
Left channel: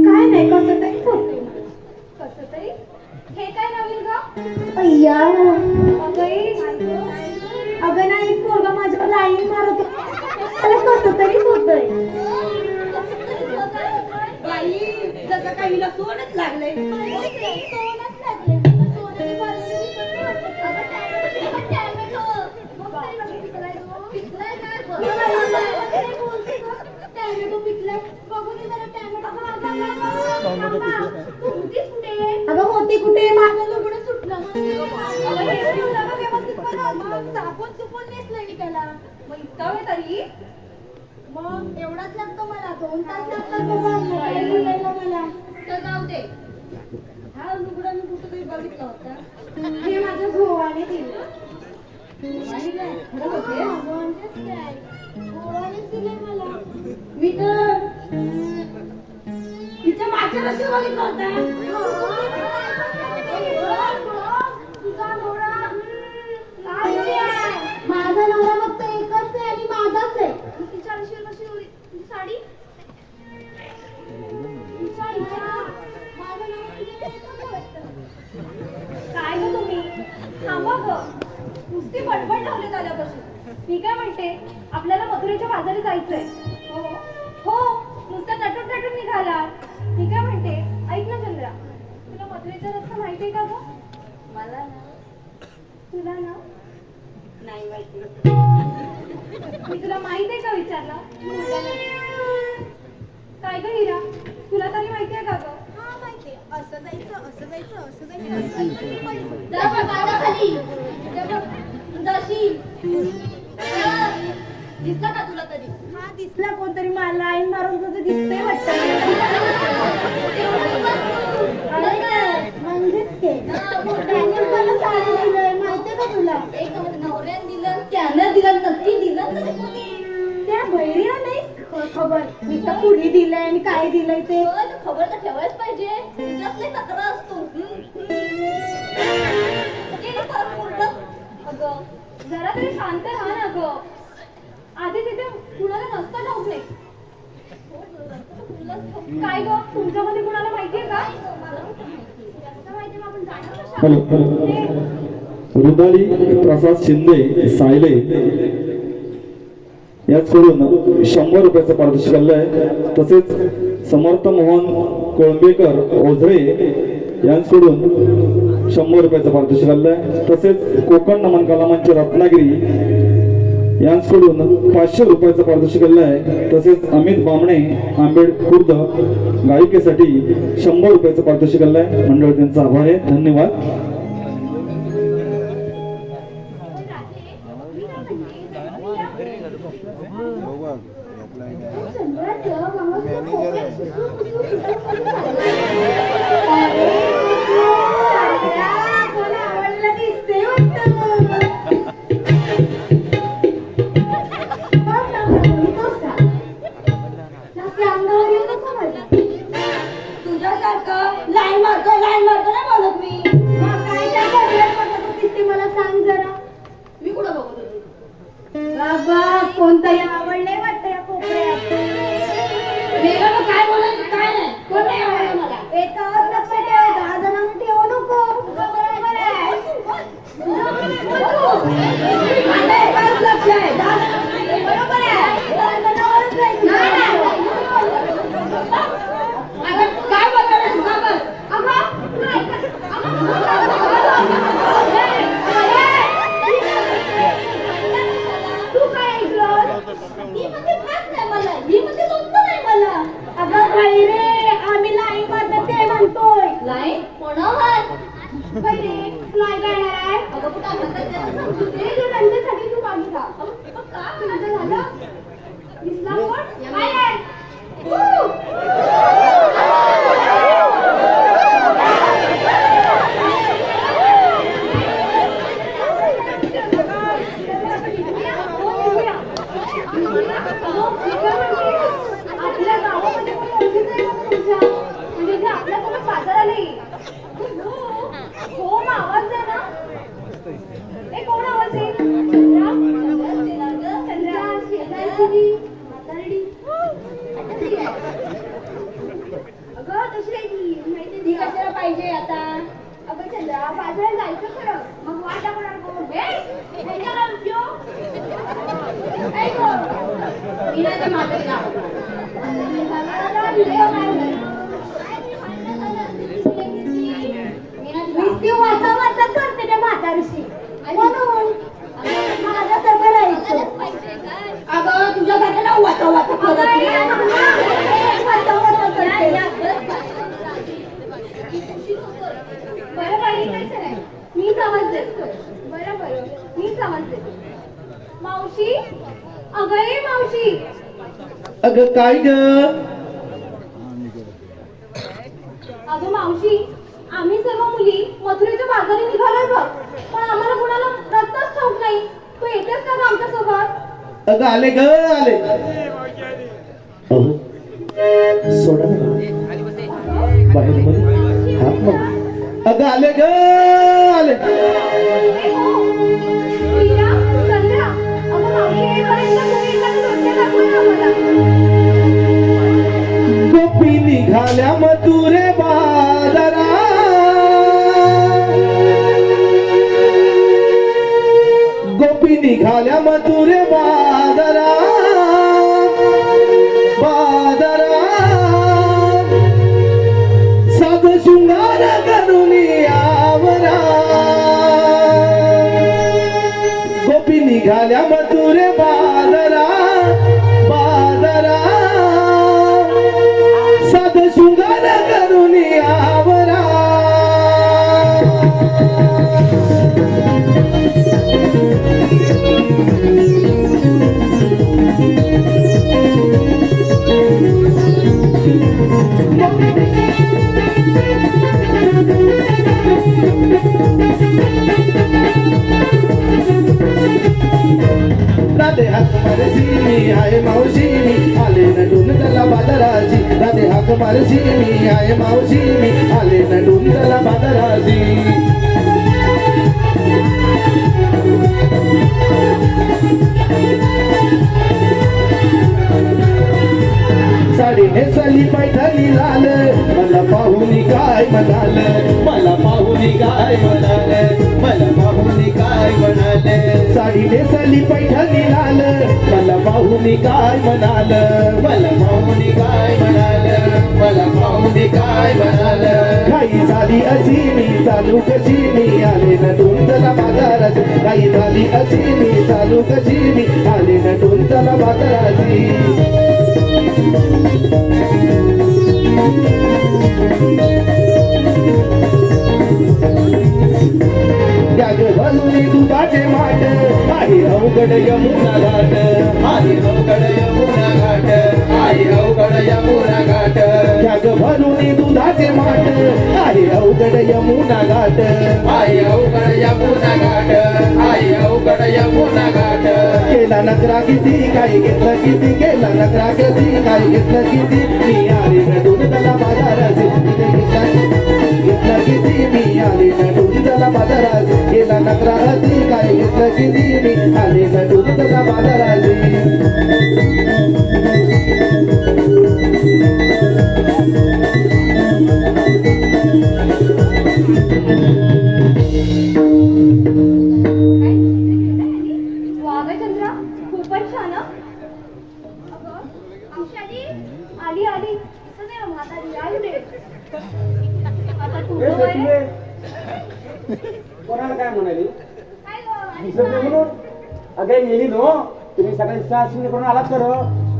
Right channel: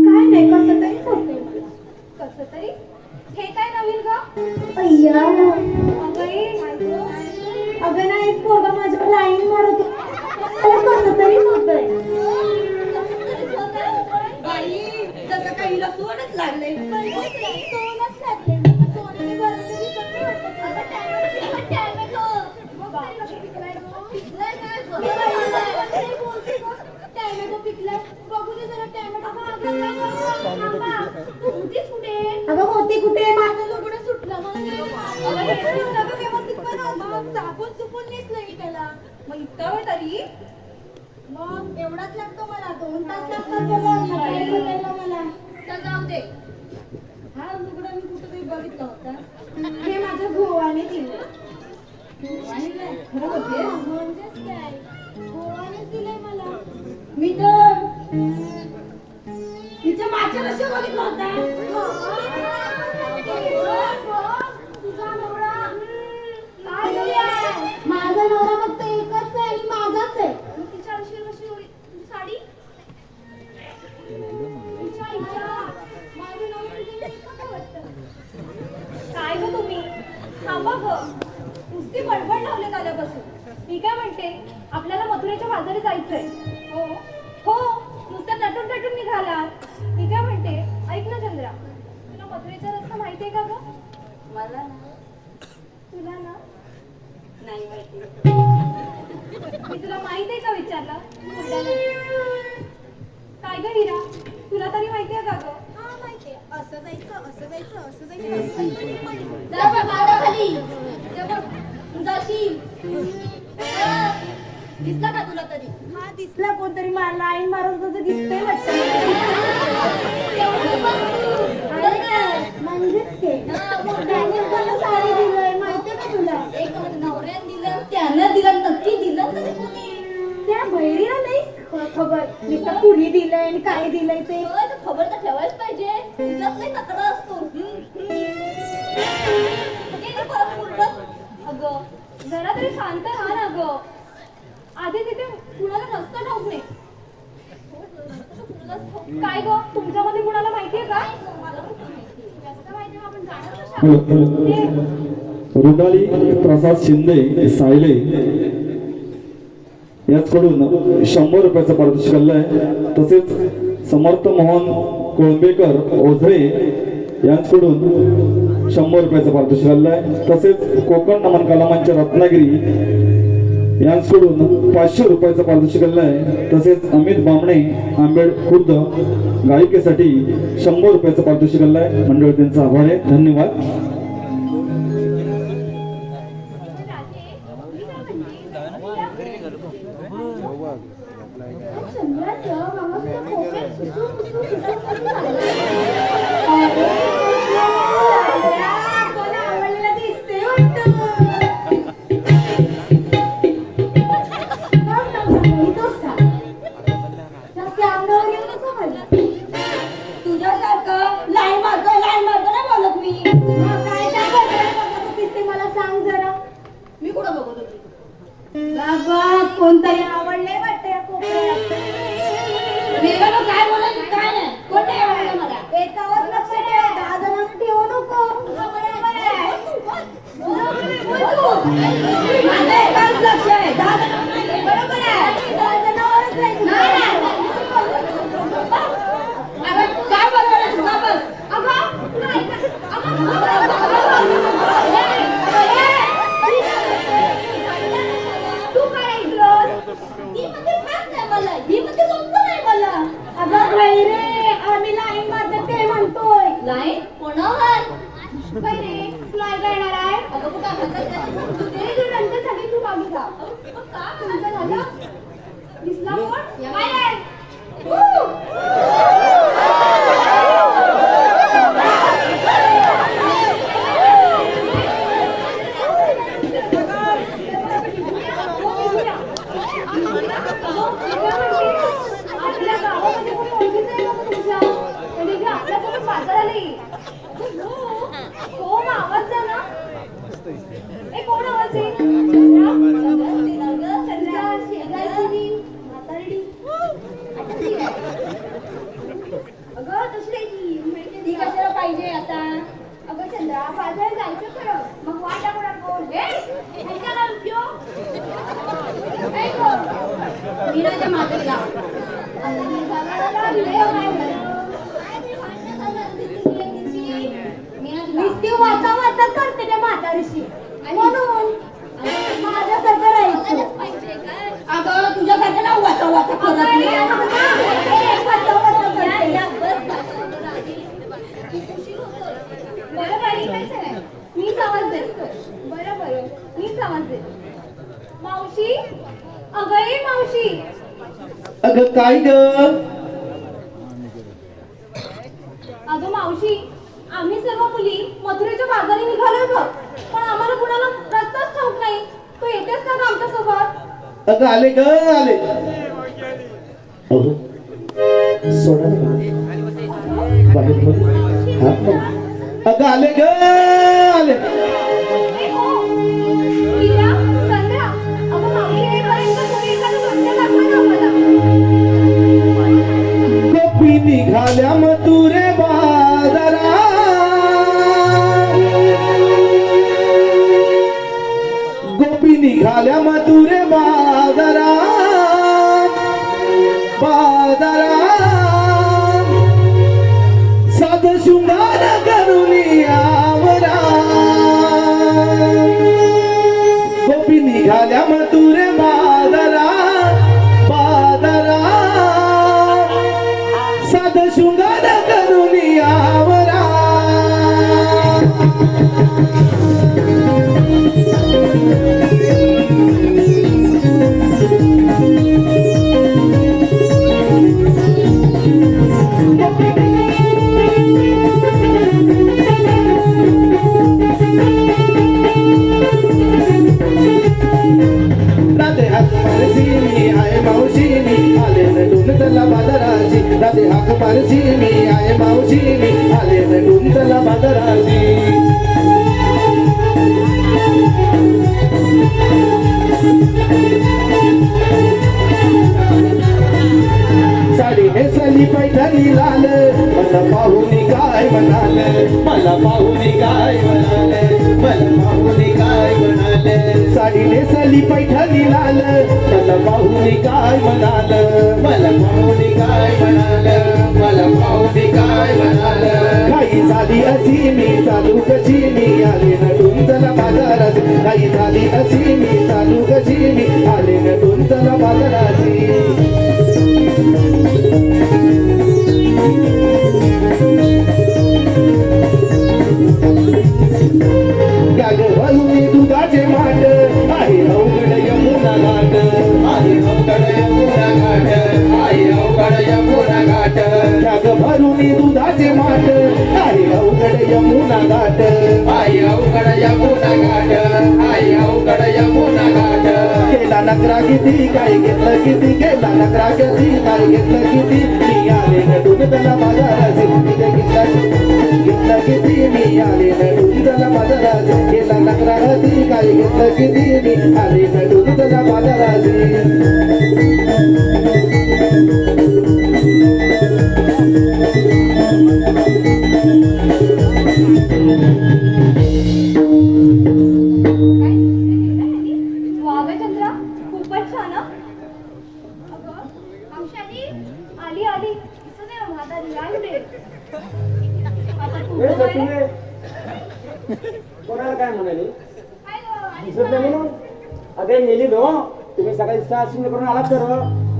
काय नाही कसं तरी होतंय मला. कसं तरी हे काय नवीन ग? अगं नाही पोरगा माझ्यावर लाईन मारत मला कसं तरीच होतंय. बाई जसं काही सोनच लागलंय. सोनच लागलंय मला. सोन्याने भरलेलं दिसत नाही वाटत. टॅमॅटो पिकलाय. बघू दे जरा टॅमॅटो. अगं होती कुठे? माझं लुगडं सुटलं. साबण चुकून नेसलंय त्याला. मग इतका वेळ तरी मग एवढाच लागतो मला. 2 तास लागतात मला. तर जाऊ दे. हा लुगडं मी कुठं तरी बघितलं होतं. हे माझ्या भावाने दिलं. खरं होते काय गोवानेच दिलंय मला. मी तर तिच्या मागच्या वर्षी बघितलं होतं. तुझा नवरा माझा नवरा फक्त एकच आहे आणि माझाच आहे. तिच्या आयुष्यात कशी होती तुझी साडी? माझा नवरा तुझ्या एकच वाटतं. काय ग तुम्ही थांबा ग. नुसती बडबड लावले आल्यापासून. मी काय म्हणते आपल्याला मथुरेच्या बाजारी जायचंय. हो हो नुसतं नटून निघाला. मी काय म्हणते ऐक ना चंद्रा, तुला मथुरेचा रस्ता माहितीये का ग? मला ना. तुला ना नाही माहिती. मी तुला माहितीये का विचारलं? काय ग हिरा तुला तरी माहितीये का ग? हा माहितीये. असं जायचं दिसला का तुला तरी? हा दिसला. कोणतरी लाईन मारून तुझं दिसतंय वाटतं. माहितीये का तुला? एक नवऱ्याने दिलं त्याला दिलं नक्की दिलं. त्या बहिरीला नाही खबर. मी तर पुढे दिलंय मी काय दिलंय ते खबर तर ठेवायच पाहिजे. तक्रार असतो. अगं जरा तरी शांत राहा ना ग. आधी तिथे कुणाला रस्ता ठाऊक नाही. काय ग तुमच्यामध्ये कुणाला माहितीये का? मला रस्ता माहिती आपण जाणार कशा? रुदाली प्रसाद शिंदे सायले याचकडून 100 रुपयाचं पारितोषिक आलं आहे. तसेच समर्थ मोहन कोळंबेकर ओझरे यांच्याकडून 100 रुपयाचं पारितोषिक आलं आहे. तसेच कोकण नमन कलामंच रत्नागिरी यांच्याकडून 500 रुपयाचं पारितोषिक आलं आहे. तसेच अमित बामणे आंबेड खुर्द गायिकेसाठी 100 रुपयाचं पारितोषिक आलं आहे. मंडळ त्यांचा आभार आहे. धन्यवाद. तुझ्यासारखं लाईन मारतो नाही बोलत मी. मग काय त्या बरोबर बघत दिसते मला सांग जरा. मी कुठं बघत होती बाबा? कोणतरी आवडले वाटतं या कोपऱ्यात. वेगळं काय बोलायचं काय नाही. कोण नाही आवडलं मला. एकावर लक्ष ठेव. 10 जणांना ठेवू नको. माझं एकावरच लक्ष आहे. 10 जणांना बरोबर आहे. 10 जणांवरच जायचं. नाही. अगं काय बोलणार आहेस? का बस? अगं नाही. तू काय ऐकलंस? ती म्हणते भात नाही मला. ही म्हणते लोणचं नाही मला. अगं नाही रे, आम्ही लाईन मारतात ते म्हणतोय. लाईन कोणावर? पहिले लाईन करणार आहे. अगं तू काय म्हणतात ते रंजसाठी तू मागे जा. मग का तुमचं झालं? दिसला कोण? काय आहे? आपल्या गावामध्ये म्हणजे आपल्यासोबत बाजार आले. हो मग आवाज द्या ना. एक कोण आवाज आहे? चंद्रा शेजारी म्हातारडी. अगं तशी आहे ती. माहिती ती कशाला पाहिजे आता? अगं चंद्रा बाजारात जायचं खरं. मग वाटा कोणाला बोल. करते त्या म्हातारीशी म्हणून माझ्यासारखं राहायचं. अगं तुझ्यासारखं ना वाचा वाचा करत मी समजते. बरोबर मी समजते. मावशी अगं ए मावशी. अगं काय ग? अगं मावशी आम्ही सर्व मुली मथुरेच्या बाजारी निघालो बघ. पण आम्हाला कुणाला रस्ताच ठाऊक नाही. तू येतेस का आमच्या सोबत? अगं आले ग आले. सोडा बाहेर अगं आले ग आले. गोपी निघाल्या मथुरे बाजारा. गोपी निघाल्या मथुरे बाजारा. बाजारा साध शृंगार करून आवरा. गोपी निघाल्या मथुरे बाजारा. बाजारा साध शृंगार करून आवरा. राधे हाक मारशी मी आहे मावशी मी आले नडून चला बाजाराची. राधे हाक मारशी मी आहे मावशी मी आले नडून चला बाजाराची. साडी नेसली पैठणी लाल. मला पाहुणी काय म्हणाल. मला पाहुणी काय म्हणाल. तिने साली पैठणी लाल मला पाहुणी काय म्हणाल मला पाहुणी काय म्हणाल मला पाहुणी काय म्हणाल काही झाली अशी मी चालू कशी मी आले नटून चला बाजारात काही झाली अशी मी चालू कशी मी आले नटून चला बाजाराची गाग भरुनी दुधाचे माठ आहे अवघड यमुना घाट आहे अवघड यमुना घाट आहे अवघड यमुना घाट गाग भरुनी दुधाचे माठ आहे अवघड यमुना घाट आहे अवघड यमुना घाट आहे अवघड यमुना घाट केला नकरा किती काय घेतलं किती केला नकरा किती काय घेतलं किती मी आले नटून त्याला बाजाराचे घेतलं किती मी आले नटून त्याला बाजाराचे केला नकरा किती काय घेतलं किती मी आले नटून त्याला बाजाराचे वा ग चंद्रा, खूपच छान हं. अगं, आमशाजी, आली आली. असं नाही हं, म्हातारी, आली रे. आता तू ए, काय? सचिने, कोणाला काय म्हणाली काय गं, आलीस दिसत नाही ना? म्हणून अगे गेली नो तुम्ही सकाळी 6 करून आलात तर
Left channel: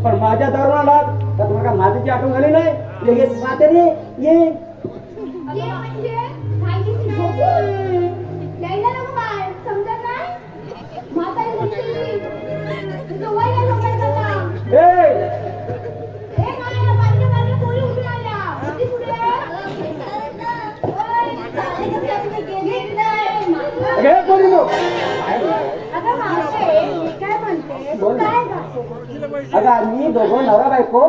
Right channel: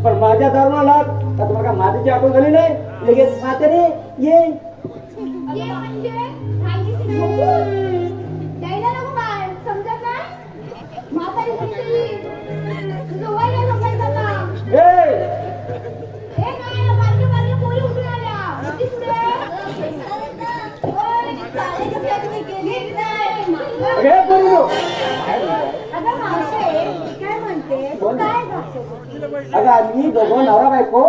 पण माझ्या दारून आलात तर तुम्हाला का मातीची आठवण झाली नाही लगेच म्हातारी ये ये म्हणजे राहिलीशी झोपून. यायला नको काय, समजत नाही? म्हातारी दिसली. तुझं वय नाही बघायचं का? ए, ए, काय, माझ्या मागे पोरी उठून आल्या. किती पुढे? ओय, चालेल कसं आहे तुम्ही गेलीच नाही. अगे पोरीनो. अगं मावशे, मी काय म्हणते, तू काय घालतो? अगं आम्ही दोघं नवरा बायको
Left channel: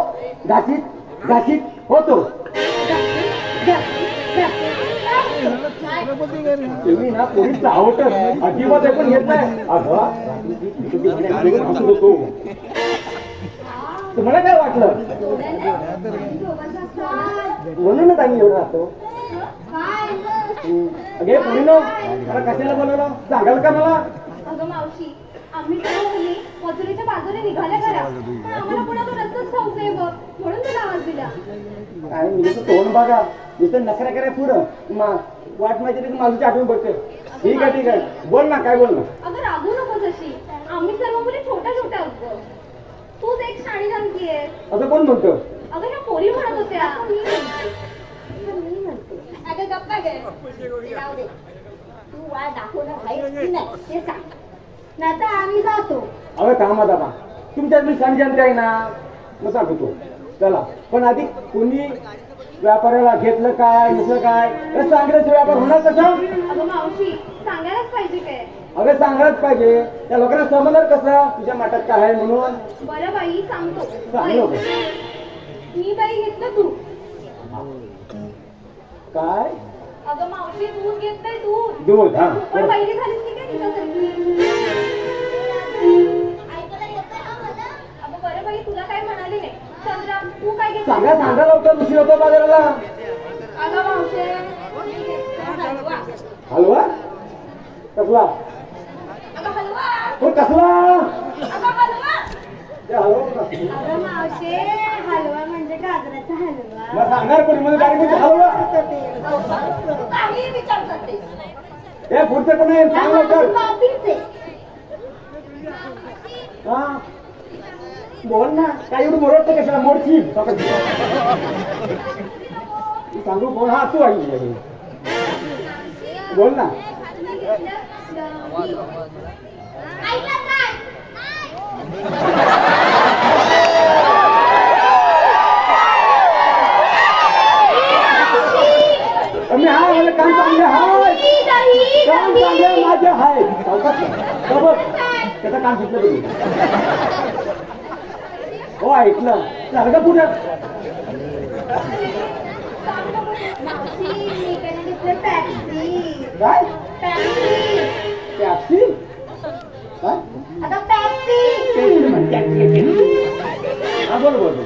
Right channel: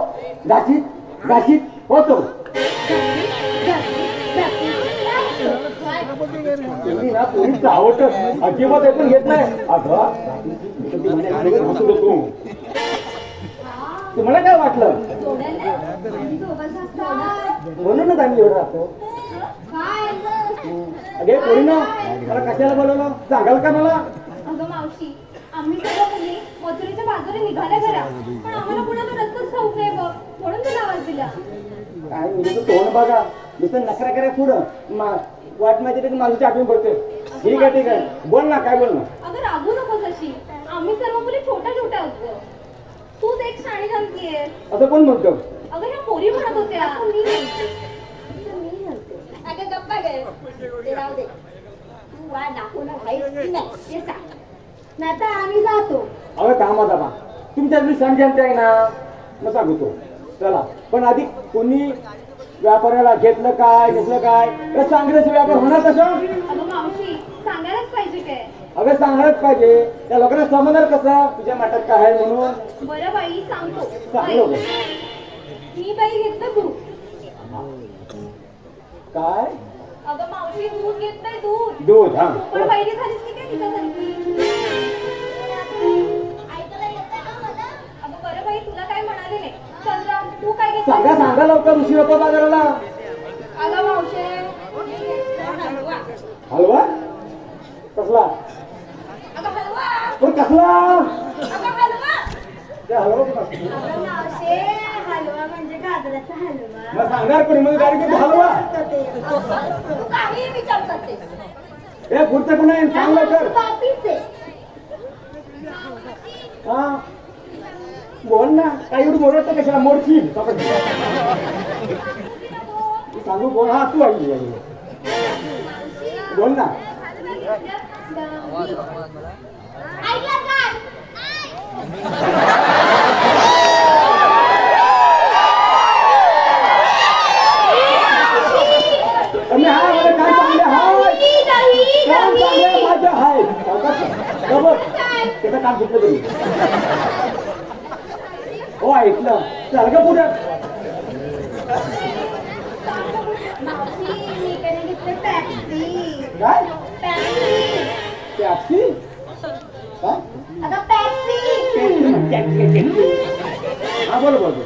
घासीत घासीत होतो तुम्ही ना पोरीचं आवडत अजिबात ऐकून घेत नाही अगं तुझी म्हणे अगोदर घासत होतो तुम्हाला काय वाटलं म्हणूनच आम्ही एवढं राहतो अगे पोरीनो अरे कशाला बोलवलं सांगाल का मला अगं मावशी, आम्ही सर्व मुली मथुरेच्या बाजूने निघाल्या घरा. आम्हाला कुणाचा रस्ताच ठाऊक नाही बघ, म्हणून तुला आवाज दिला. काय म्हणजे तू तोंड बघा नुसतं नखरा करा पुढं वाट माहिती की माणसाची आठवण पडते ठीक आहे बोल ना काय बोल ना अगं रागू नकोस अशी. आम्ही सर्व मुली छोट्या छोट्या आहोत गं. तूच एक शाणी जमतीये. असं कोण म्हणतो अगं ह्या पोरी म्हणत होत्या. अगं गप्पा गे, ते राहू दे. तू वा दाखवणार आहेस की नाही ते सांग. नाहीतर आम्ही जातो. अगं कामात आता तुमच्या समजणते आहे ना मग सांगतो चला पण आधी कोणी व्यापाऱ्याला घेतलं काय घेतलं काय हे सांगण्याचा व्यापार होणार कसा अगं मावशी, सांगायलाच पाहिजे काय. अगं सांगणारच पाहिजे त्या लोकांना समजणार कसं तुझ्या मठात काय आहे म्हणून बरं बाई, सांगतो. सांगलो गं. मी बाई घेतलं दूध. काय अगं मावशी, दूध घेतलंय दूध. दूध हा पण पहिली झालीस की काय तुझ्यासाठी? अगं बरं बाई, तुला काय म्हणाले नाही. चंद्रा, तू काय घेतलं? सांगा लवकर उशीर होतो बाजाराला अगं मावशे, मी घेतला हलवा. हलवा कसला अगं हलवा. तो कसला अगं हलवा. ते हलवा पण असतो. अगं मावशे, हलवा म्हणजे गाजराचा हलवा. मग सांगणार कोणी म्हणजे गाडी कोणती हलवा तू काही विचार करते. हे पुढचं कोण आहे सांग लवकर बापीच आहे. हा बोल ना काही एवढं मोडत कशाला मोडची सांगू बोल हा तू ऐकली बोल ना ऐकलं काय? मी हा मला काय सांगते हाय काम चांगलं माझ्या हाय त्याचं काम घेतलं तुम्ही हो ऐकलं झालं का पुढं काय टॅक्सी काय हा बरोबर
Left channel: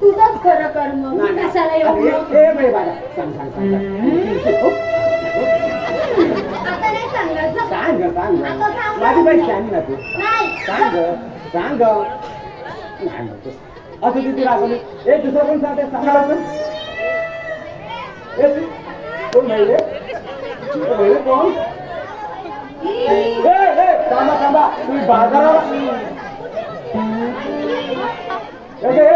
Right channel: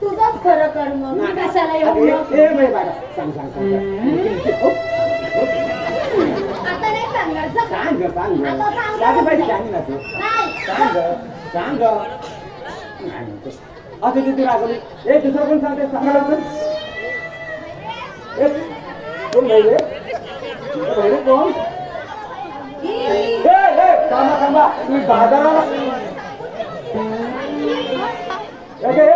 तुझंच खरं कर मग, मी कशाला अरे येऊ? ए बाई बाळा सांग आता नाही सांगणार जा. काय सांग माझी बाई सांग ना तू सांग नाही नको. असं तिथे रागवली ए दुसरं कोण सांगते सांगा लवकर. ए, कोण बाई रे? ए, बाई रे कोण? थांबा तुम्ही बाजाराला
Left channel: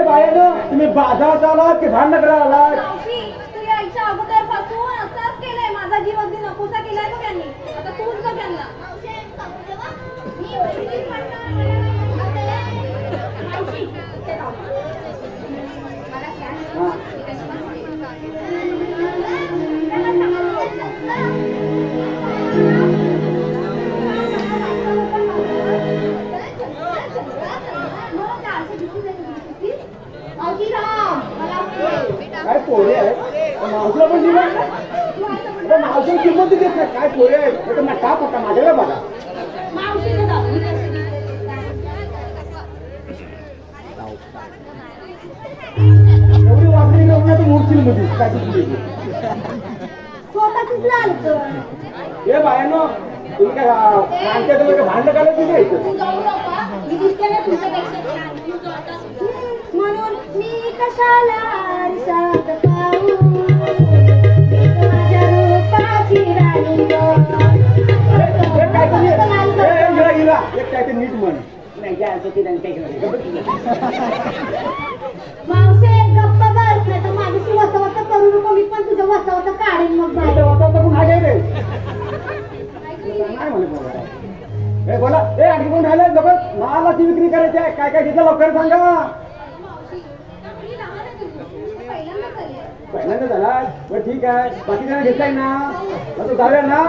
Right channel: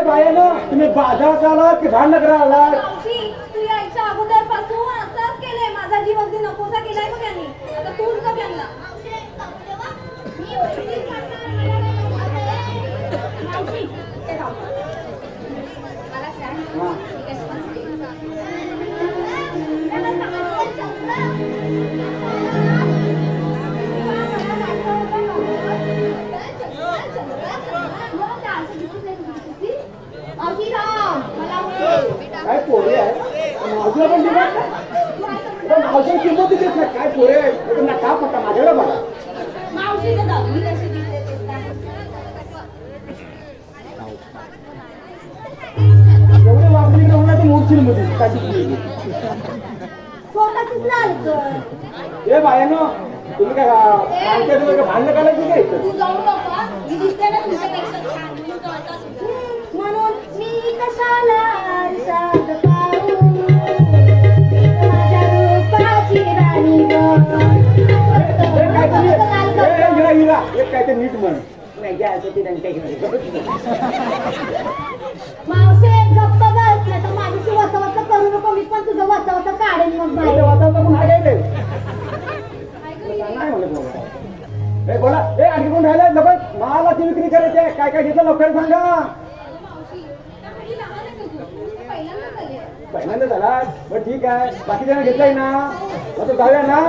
बाहेर तुम्ही बाजारात आलात की भांडण करायला आलात? मावशी, तू यायच्या अगोदरपासून असंच केलंय. माझा जीव अगदी नकोसा केलाय का त्यांनी. आता तूच का त्यांना. मावशी, ते राहू. मला सांग. मावशी, राम. मला आवडते. काय पोरे आहे मावशीला पण दिलं मावशीला किंमत देत नाही. काय पोरे आहे त्यांना का पटा माझ्याकडे बघा. मावशीला जाऊ. मी कशी दिसते ते सांग. एवढी वापरी का होणार तू मूर्छिल मध्ये काय दिसली स्वतःचीच लाल कर. हे बायानो तुम्ही काय सांगते तुम्ही काय भांडण काढलं तू काय इथं? तू जाऊ नका. मी दिसते ना तुझ्यापेक्षा छान. मी कळतं तुझं. म्हणून मी कशाला आरशात पाहू. माझ्या रूपाची राणी हे काय तुम्ही हिला एक काय ते नीट म्हण नाही जे असं ते त्यांच्या घरी मावशे गप्प बस. नाही तर माणूस वचवच करू नको. मी पण तुझं वचवच काढेल मग बाई. नाही म्हणत बाबा. ए बोला ए आणखी कोण राहिलं लोक मालाची विक्री करायची आहे. काय काय घेतलं लवकर सांगा. मावशी, त्या मुली लहान आहे तुझी. तू पहिल्यांदाच आली आहे. पहिल्यांदा झाला बरं ठीक आहे बाकी जण घेतलंय ना मग तो जाऊया ना.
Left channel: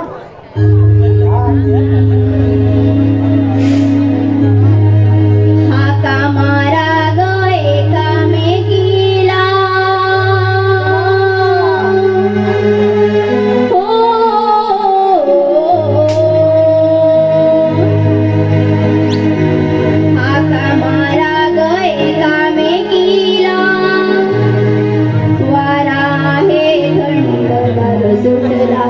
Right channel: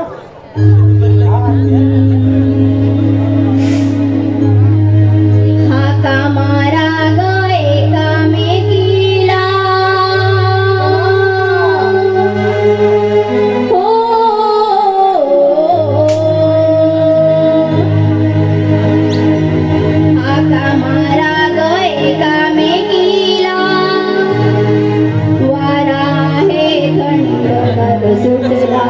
हाका मारा ग एकामेकीला हो हाका मारा ग एकामेकीला वारा हे थंड गार सुटला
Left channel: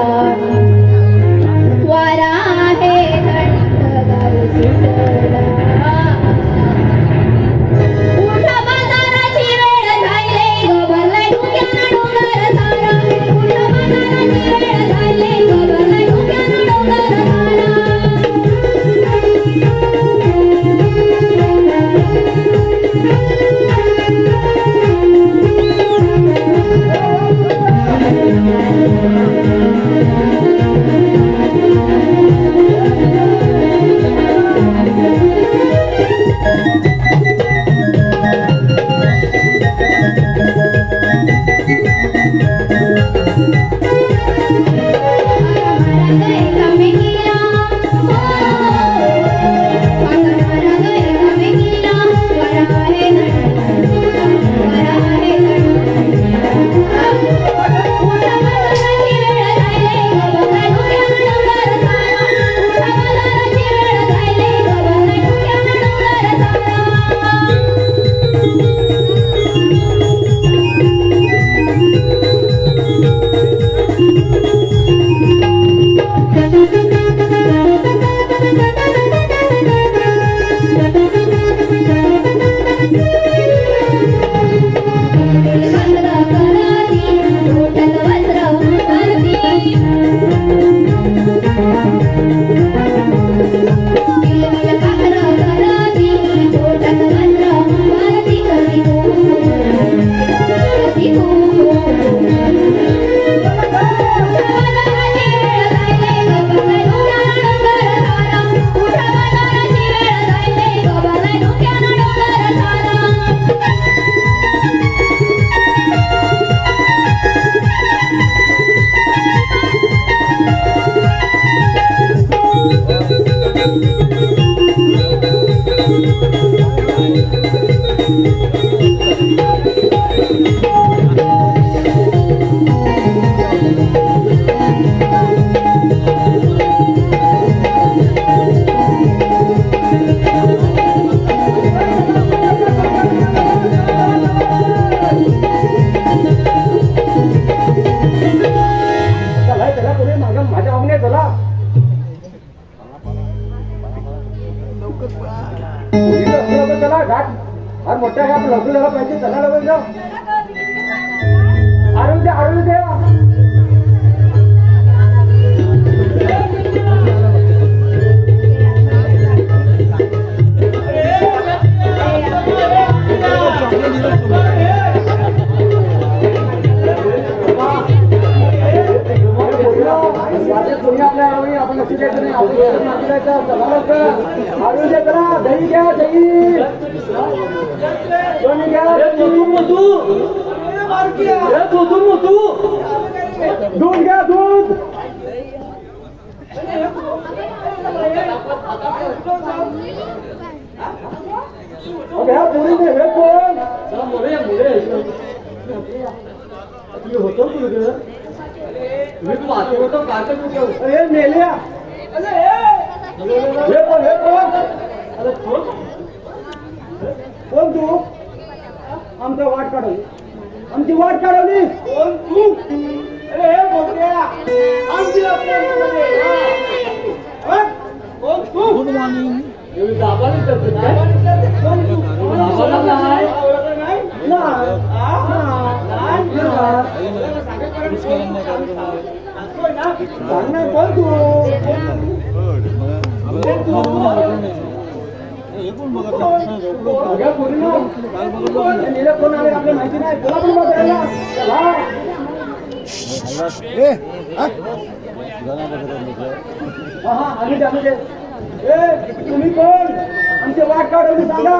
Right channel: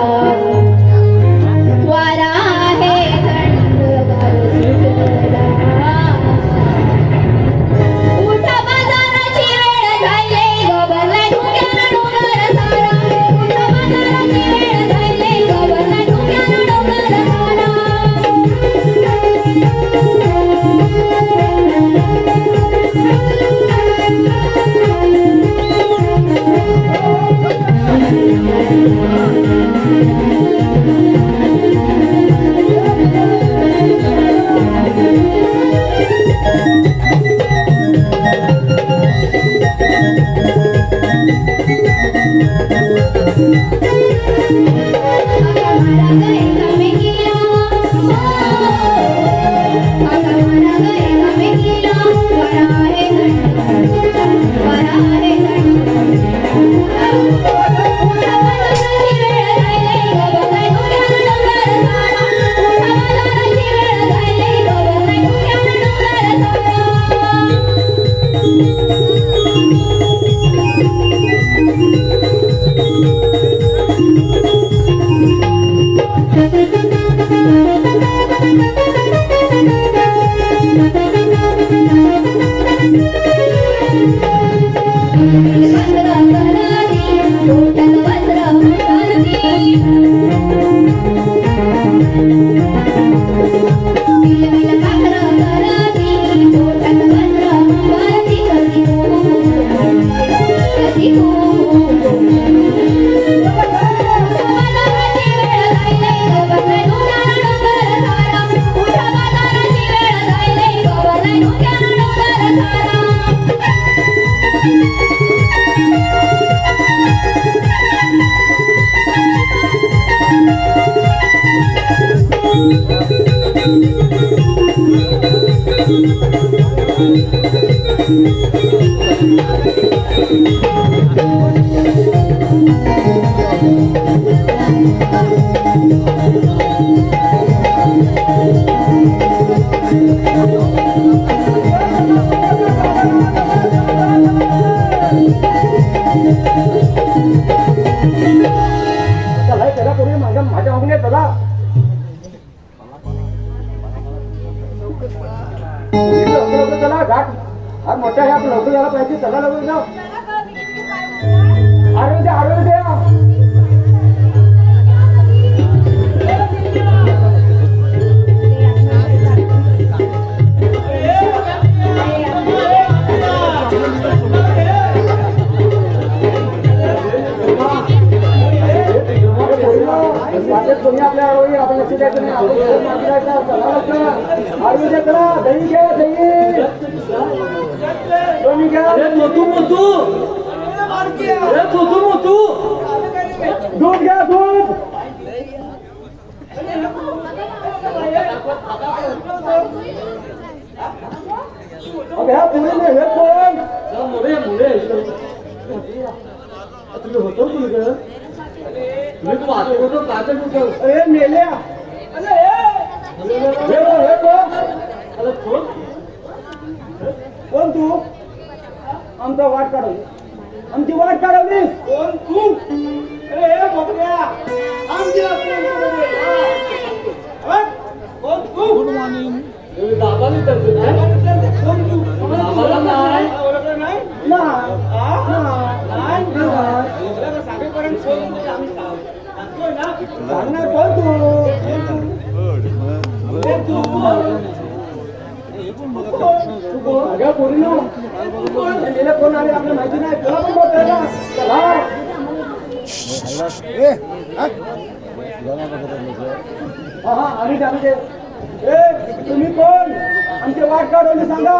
वारा हे थंड गार सुटला उठा बाजाराची वेळ झाली गोबरला डोक्याला डोंगर झाला उठा बाजाराची वेळ झाली गोबरला डोक्याला डोंगर चला त्याला कोणी माझ्या मागण्या चला अरे मोठा ह्या लवकर झाला पाहिजे चला लवकर जाऊ जरा ग, मी किती काय बोलणार? आरोग्य तुम्ही आपल्या आरोग्य आपण लक्ष द्यायचं नाही आरोग्य करा दही घ्या दही कोणी घ्या दूध घ्या दूध ह्या पुढे हे कोण होतो हे मेल्या हे कोण तू आमचा वाट काढवली आमची वाट काढवली कोण तू अरे हे मोठ्या आमची कोण तू गुड मॉर्निंग कोण कोण आले आपल्या माहिती नाही तुम्ही कोण आमची वाट काढवली सांगा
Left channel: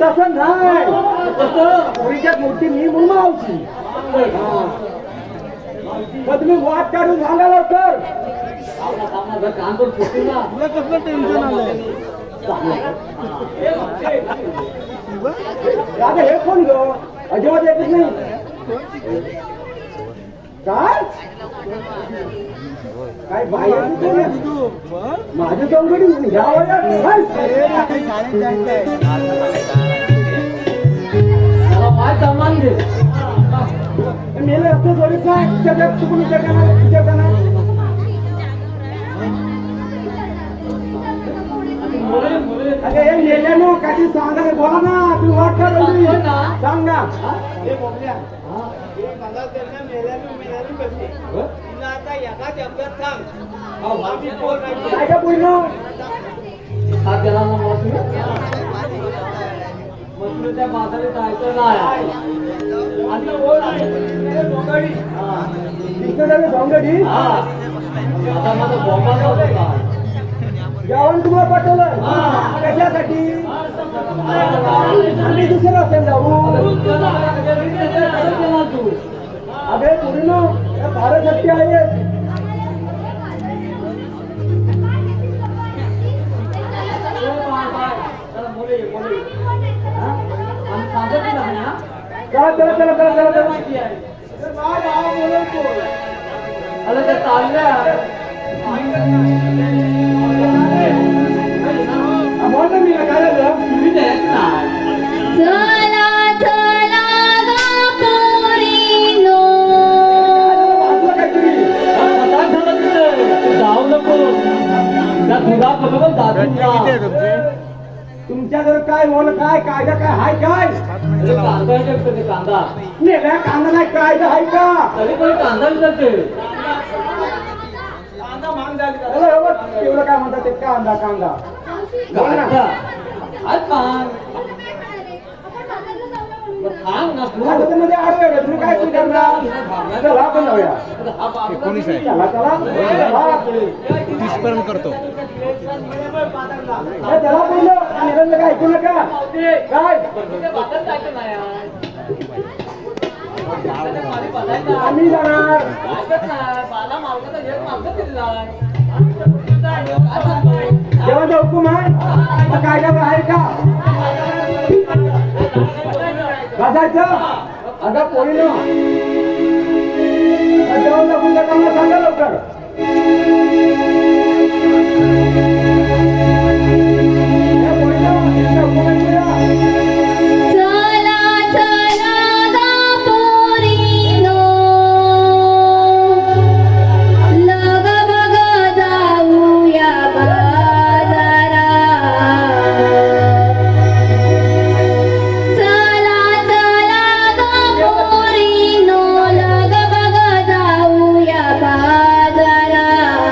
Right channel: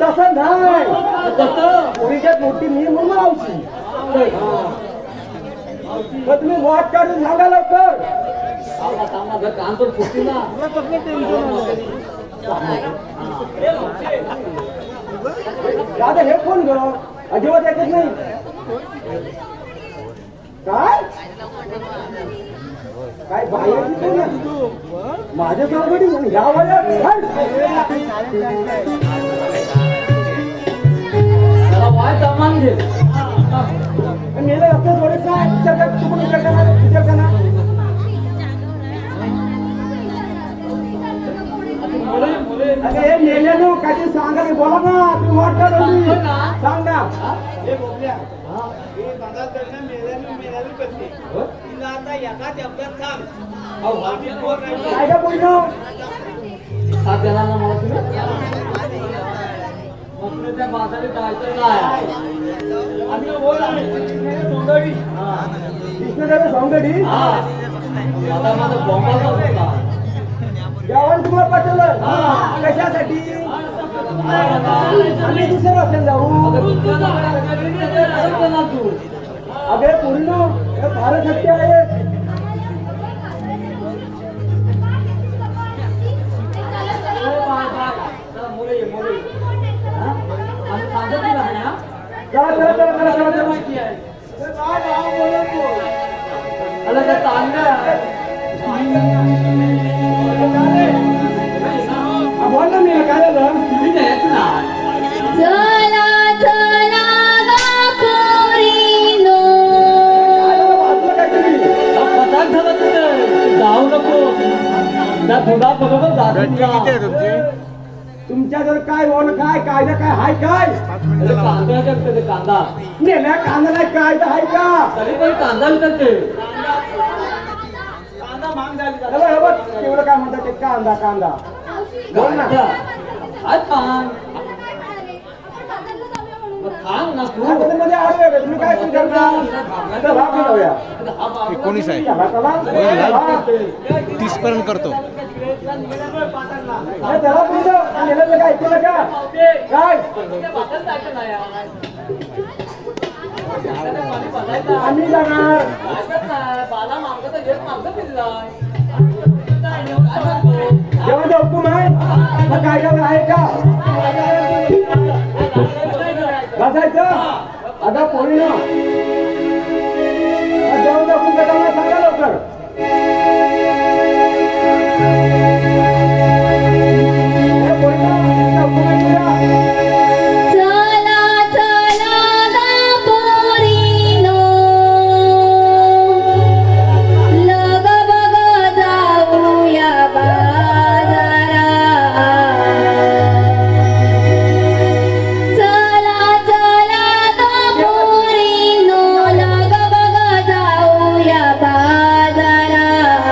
तसं नाही तसं मोठी मी म्हणून मावशी तुम्ही वाट काढून सांगा लवकर काम कसलं टेन्शन आलंय हे कोण ग अजिबात ऐकत नाही काय बाहेर माझ्या चौकडी ह्या मेलं आपलं थोडंसं हे मेल्यानं काही सांगा बोला ना तुम्ही वाट काढवली सांग ना काय बोललो जेवण तुला पाठवलं कशासाठी दुसऱ्या वाजता जाऊ अगे पूर्ण फारच शक्य आहे तुमच्याकडे काय बोल काय कायदा काय हाय काय कांदा नेल्या कांदा नाही कायदा हाय का तरी पण कांदा करते कांदा महाग झाली एवढं काय म्हणतात ते कांदा कांदा बोल ना आज मान थांब ना तू मध्ये असतं तुम्ही काय जाऊया 19 आहे 30 पर्यंत करतो काय ऐकू नका काय आम्ही जाणार जेव्हा हुकुम आहे काय आहे का सांगायचं अगं पोरीनो जाऊन दाखवून कामाला सांगा लवकर चला चला गा पोरीनो लग बग जाऊया बाजारात चला चला गा पोरीनो लग बग जाऊया बाजारात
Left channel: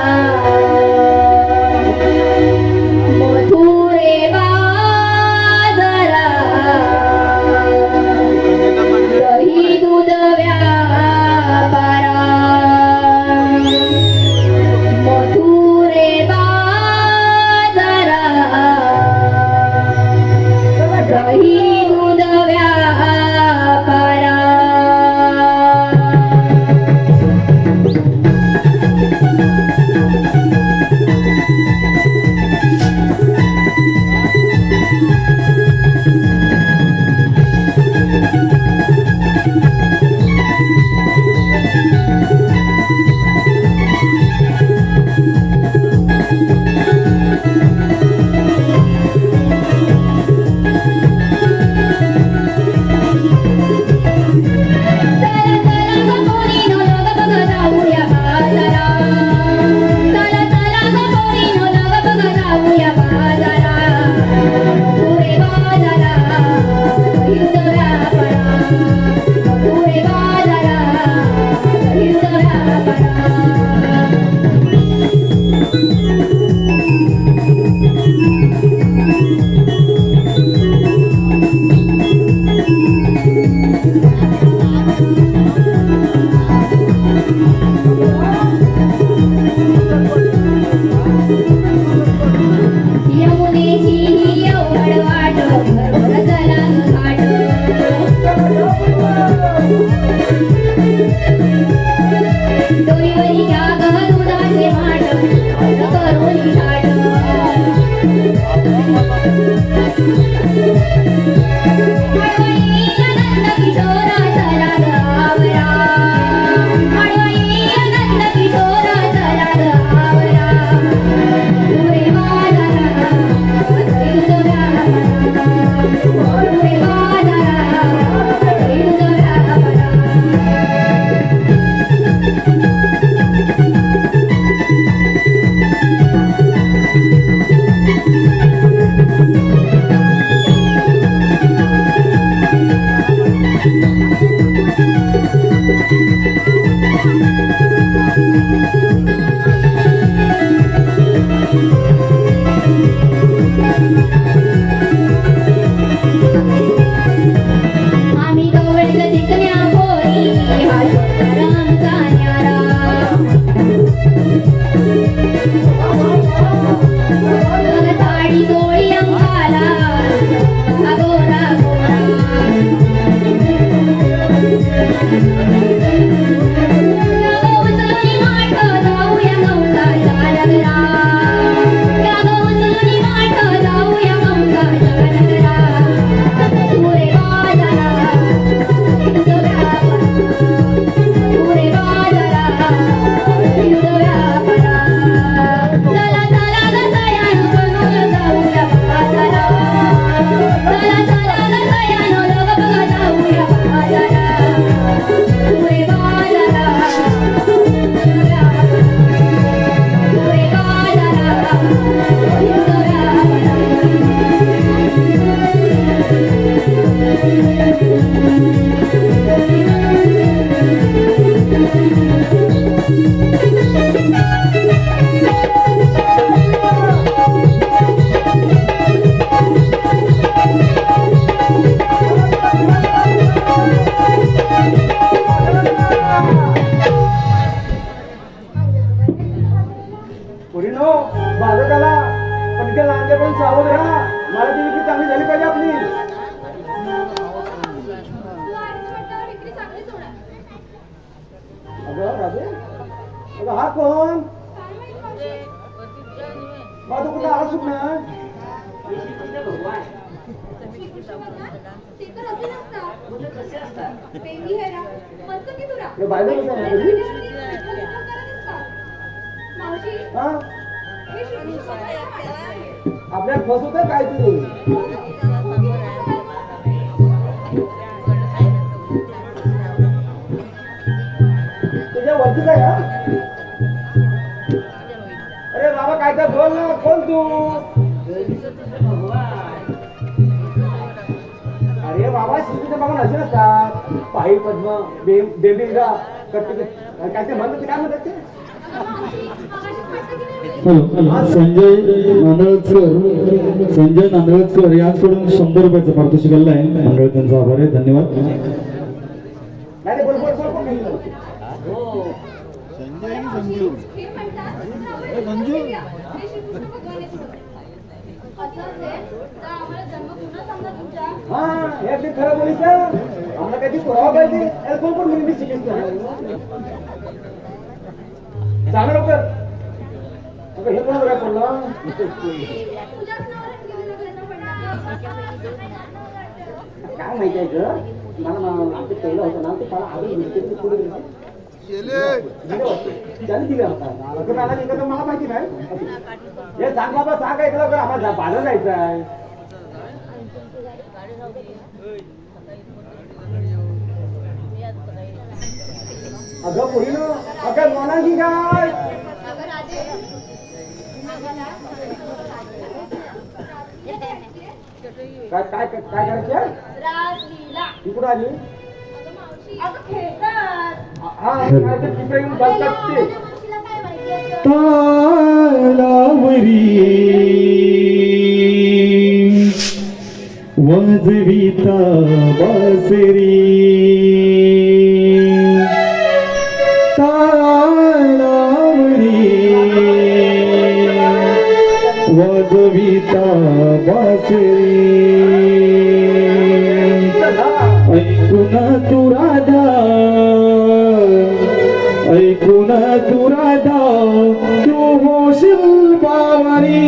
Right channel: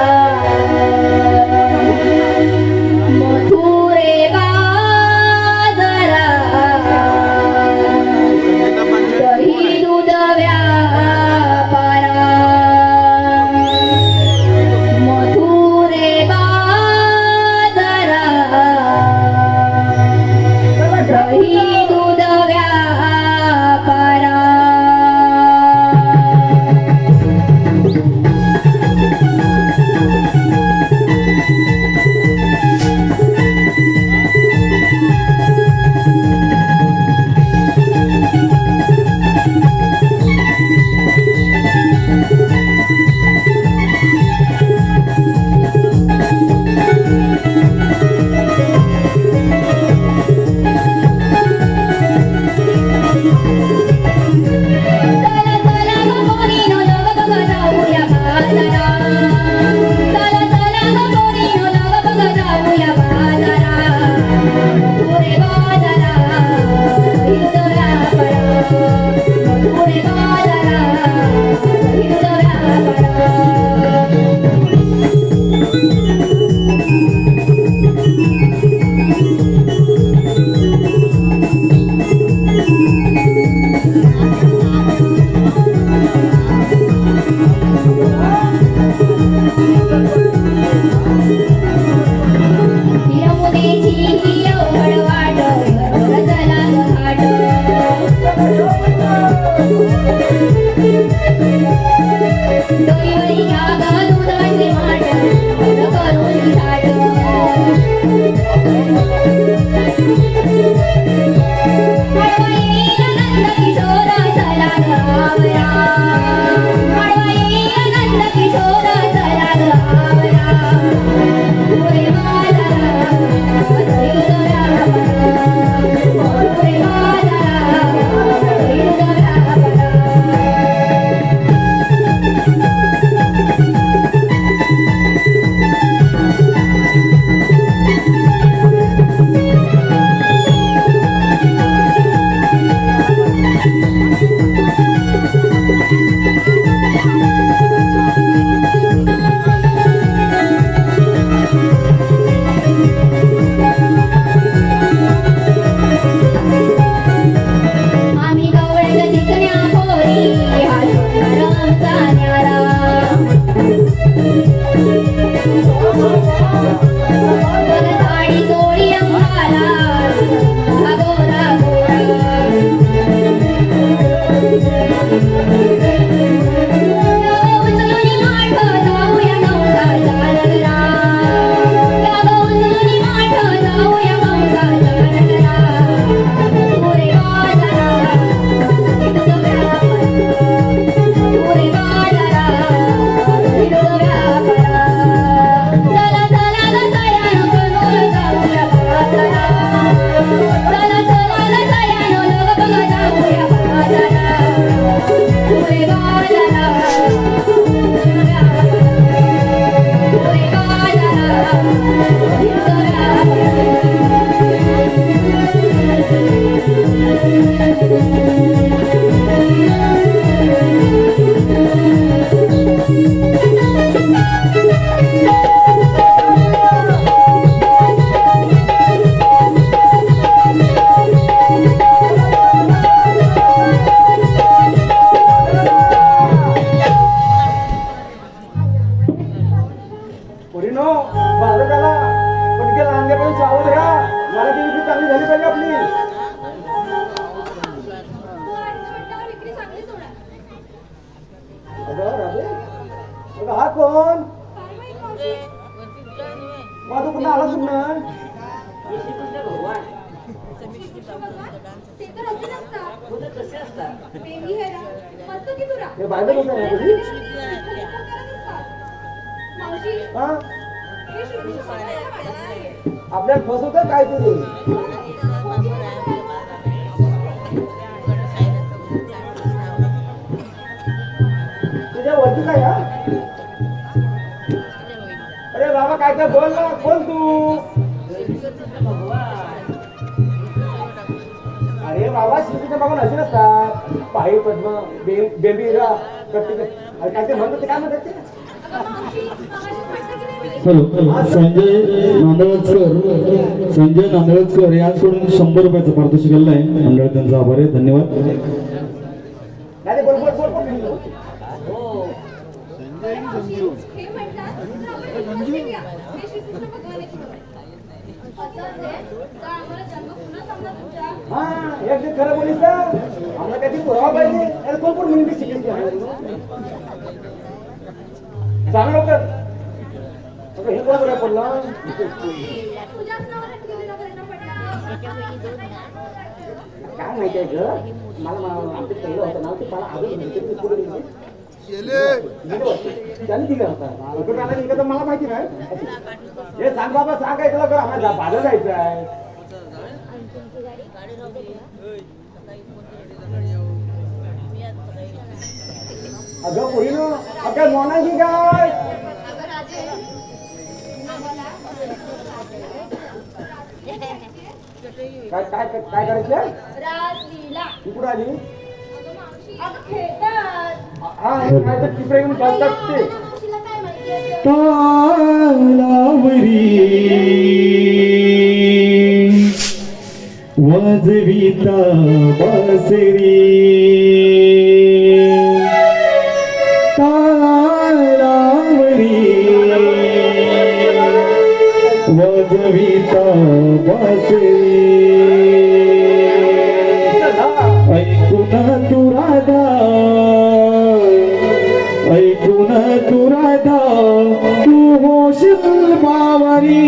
मथुरे बाजारात दही दूध व्यापारा मथुरे बाजारात दही दूध व्यापारा आम्ही गवळण दिसण्या पोरी हा शंकरांचा न्यारा दोन साडी चोळी अंगाला हा गोरा गोरा उचलून माठ जाऊया कंसाच्या नगरा उचलून माठ जाऊया कंसाच्या नगरा पुरे पोरीनो माझं त्याला पण ते लांबच्याकडे सावध राहा मला ती विक्री चांगली झाली पाहिजे आपली तू आहेस म्हटल्यावर विक्री चांगलीच होणार. अगं राधे अगं हा कोण काय माहित मावशी? माझं कुठं आलाच कुठं तुमच्या भगवान श्रीकृष्ण भगवान ते तर असे नसतात. मुलं कसे असतात? बेबी हेरा मस्त की तुरा हे बायबल कसं आहे तुझी? मावशी हा हे श्रीकृष्ण भगवान आपल्याला फसवतं काय तू तुझ्या वरती काय हा? अरे बाबा काय तर बोल ना कोण तू भगवान अरे बाबा श्रीकृष्ण भगवान असे असतात पायी पद्म बेबीरा काय ते म्हणतात ते काय म्हणतात ते मावशी मागाशी म्हटलं की नाही हॅलो संजय नांदवडकर यांकडून 100 रुपयाचं पारितोषिक आलेलं आहे. मंडळ त्यांचा आभार आहे. धन्यवाद. नाही बोल बोल बोल बोल हो हे म्हणतात तर आपण विकत घेऊया. हे श्रीकृष्ण भगवानाची म्हणतात. असं असेल तर आम्हाला जन्म पुन्हा सांगणार तुमच्या. हा एक ते खरं बोलीस आम्हाला काहीतरी पुरावा पाहिजे याला कोण कोण म्हणून शिकेल सांग लवकर हे कोण बघायला पडला तुझ्याच नावावर केलेला प्रयत्न पडला. काय माहिती आहे ग मला ते पहिलं होतं ना ते मला आधी माहिती पुढे मला माहिती नाही हे सांग बाबा सांगायचं लवकर आम्हाला बाजार जायचं आहे अगं मुलीनो अगं मोना की काय अगं राजे आम्हाला काय काय काय करायचं राजलीला. इकडं आली अगं मावशी अगं खेळतात. हा काय तर तिकडे येऊन बसतात ते मावशीला काय माहिती असं? तालावरी वाजविता बासरी तालावरी वाजविता बासरी ऐकून तू राधा ऐकून तू राधा तू होशील बावरी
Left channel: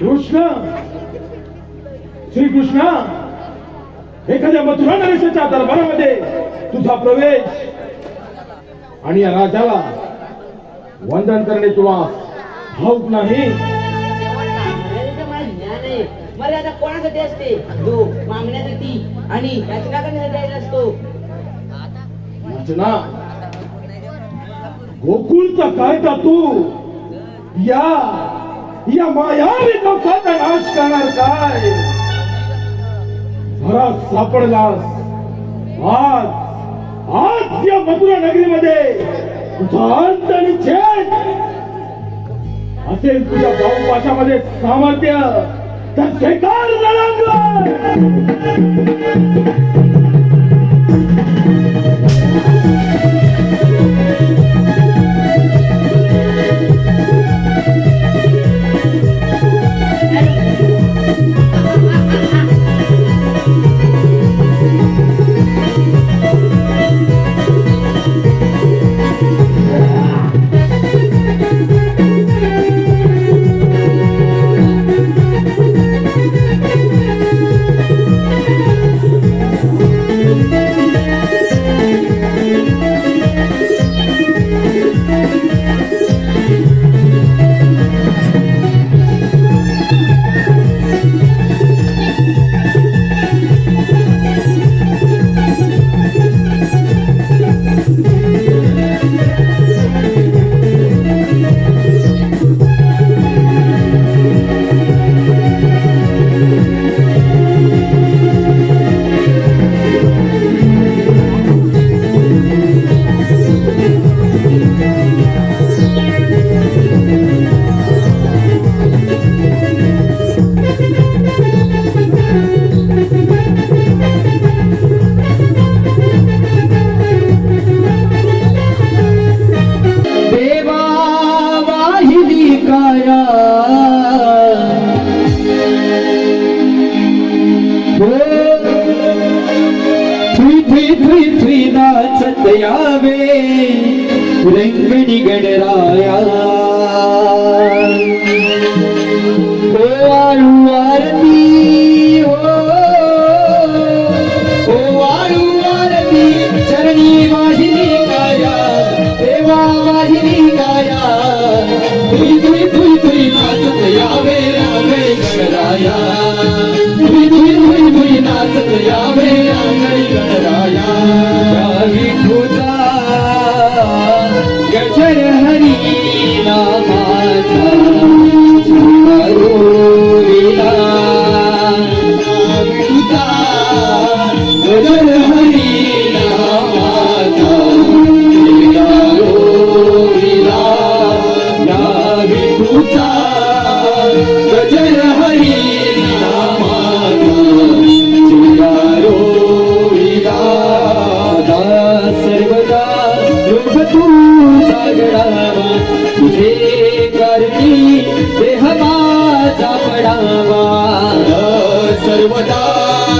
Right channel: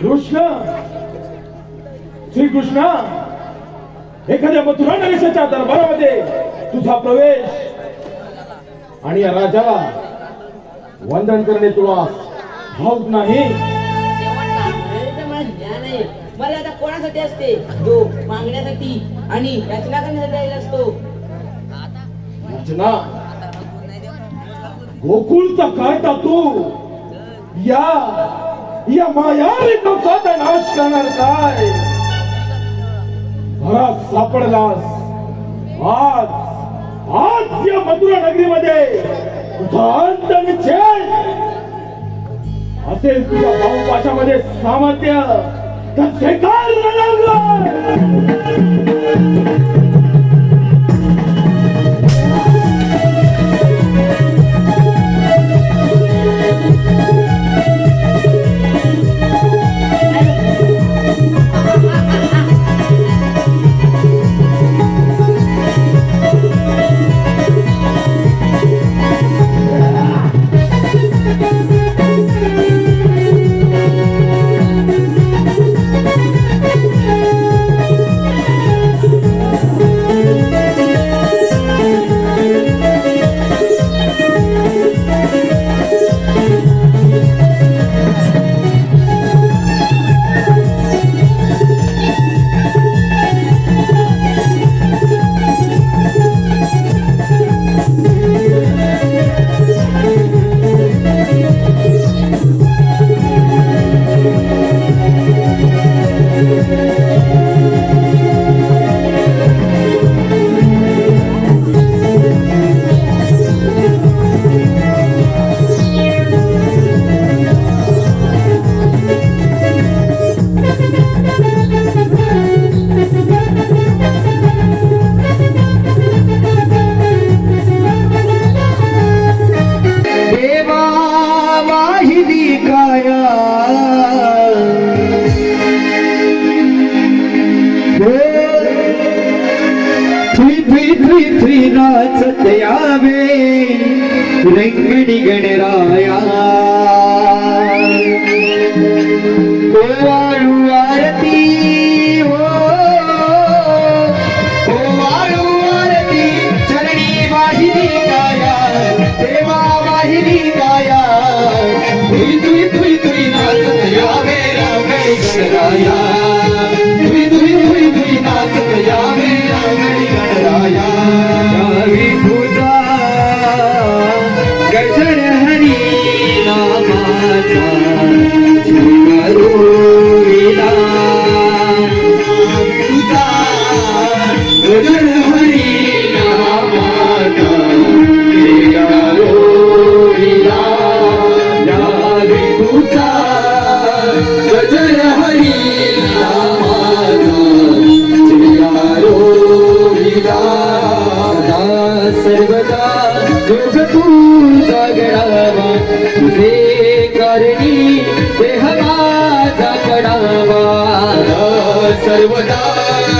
कृष्ण श्रीकृष्ण एखाद्या मथुरा नरेशाच्या दरबारामध्ये तुझा प्रवेश आणि या राजाला वंदन करणे तुला ठाऊक नाही. मला ज्ञान आहे. मर्यादा कोणासाठी असते? जो मागण्यासाठी आणि याचना करण्यासाठी आलेला असतो. याचना गोकुळचा कायदा तू या मायावी कंसाचा नाश करणार काय? घरात सापडलास आज या मथुरा नगरीमध्ये तुझा अंत निश्चित असेल. तुझ्या बाहुपाशामध्ये सामर्थ्य तर स्वीकार नाचत यावे रंगडी गणराया वाळू आरती ओ वाळू आरती चरणी वाहिनी काया देवा वाहिनी काया तुई तुई तुई तुई नाचत यावे रांगडी गणराया तुई तुई तुई तुई नाचत यावे रांगडी गणराया विठुता गजर हरी नामाचा चिंगारो विला विठुता गजर हरी नामाचा चिंगारो विला या विठुता गजर हरी नामाचा चिंगारो विला सर्वदा योग तुझा गडावा तुझे करणी देह माझा पडावा सर्वदा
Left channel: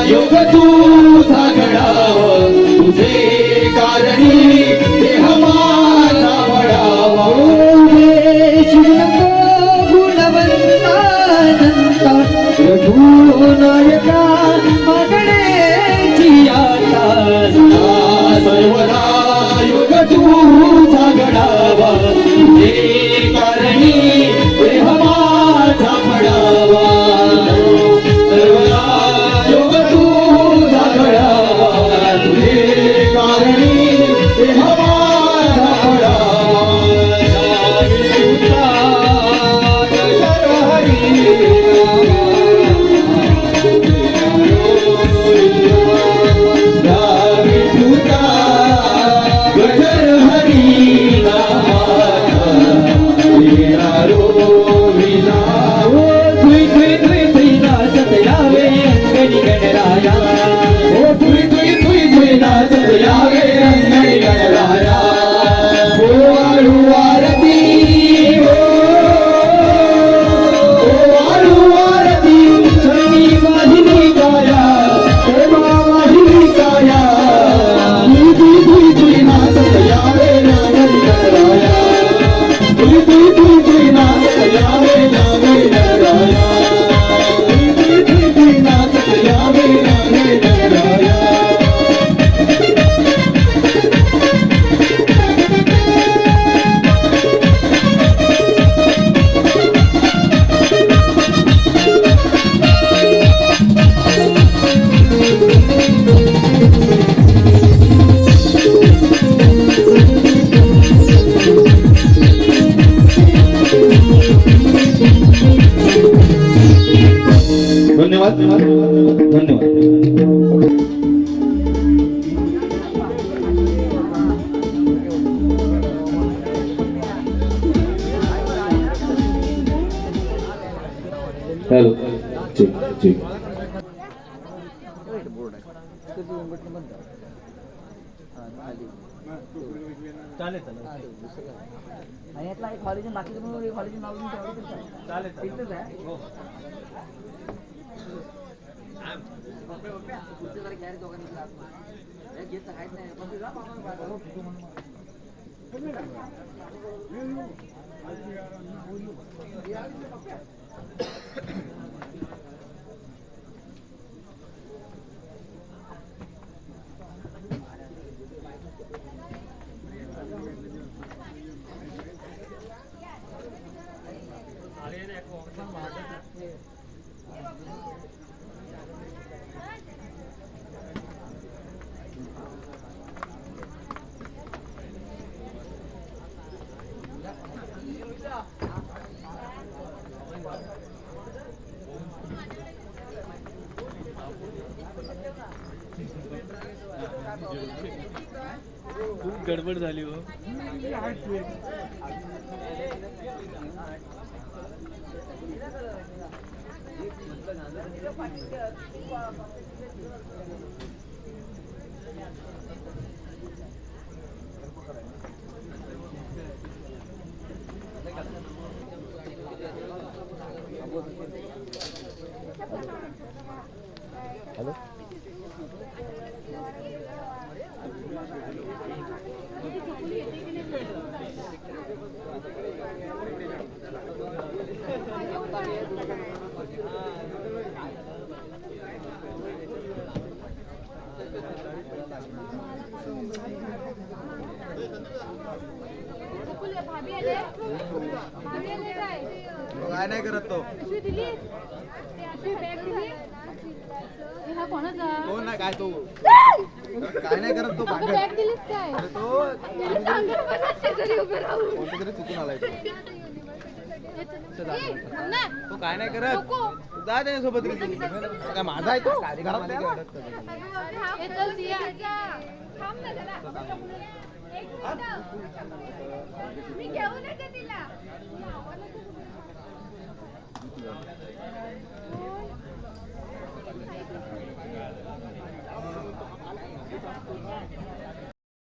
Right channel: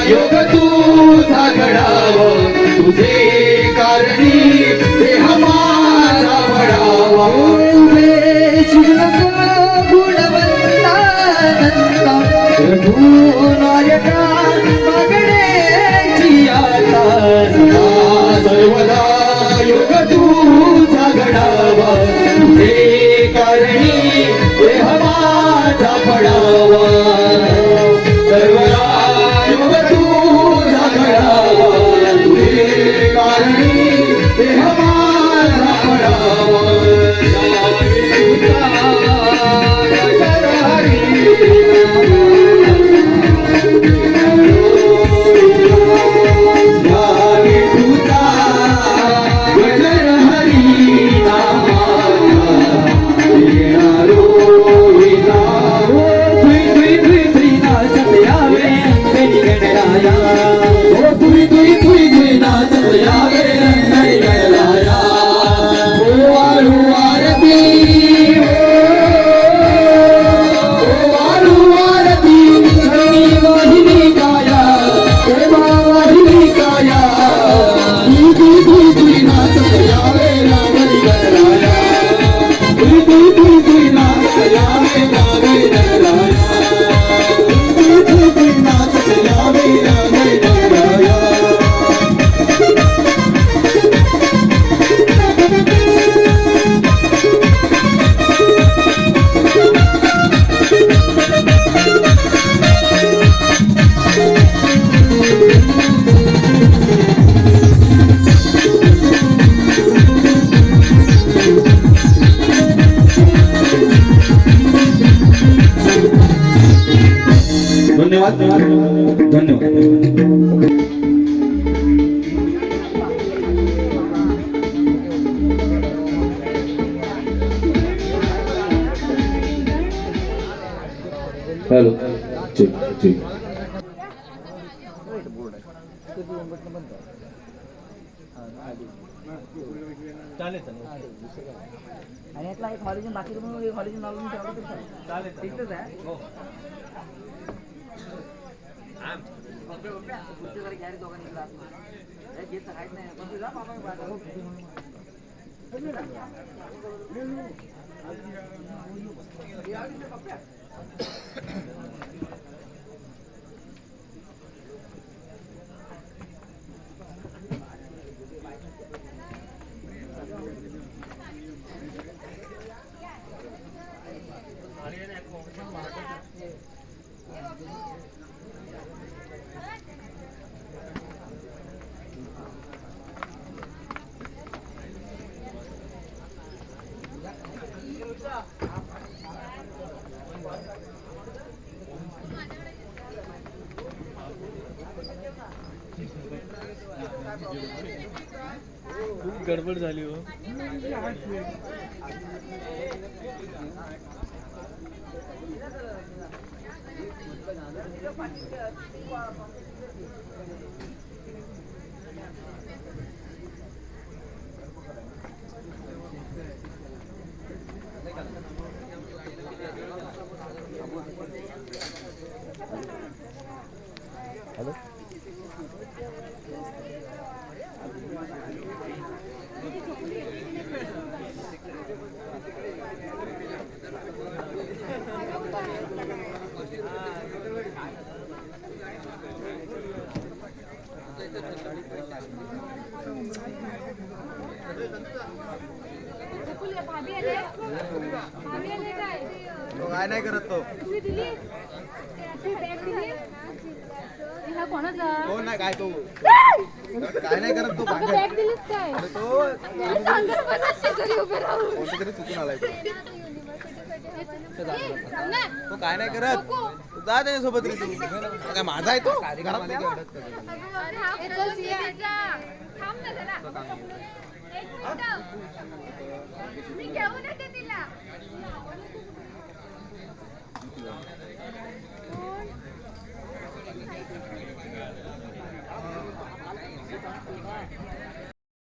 योग तुझा गडावा तुझे करणी देह माझा पडावा गुणवंता रघुनायका मागण्याची आता सर्वदा योग तुझा घडावा तुझे करणी देह माझा पडावा सर्वदा योग तुझा घडावा तुझे करणी देह माझा पडावा हॅलो ठीक ठीक आणि यातला एक कॉलेज बाकी तुम्हाला कॉलेज नाव चालेल तिथलंच आहे गडबड झाली हो. भाभी आले काय काय नाही करत तो. पिशवी दिली ती बॅग दिली हा कोणाचा हो नाही काय तो काय नाही करत तो. बॅग दिलीस काय तो सांगा मला शेजारी उभं राहू कोणतरी चुकून आलाय तो. ना तो काय नाही करत. तू जा त्याच्यासोबत रे. तू काय माझा आहे तो घरात नाही वाटत का तुला? अगं बाबा, हा फोन घ्यायचा. थांब ना जरा. एक मिनिट. मी घेऊन येते तिला. कोण?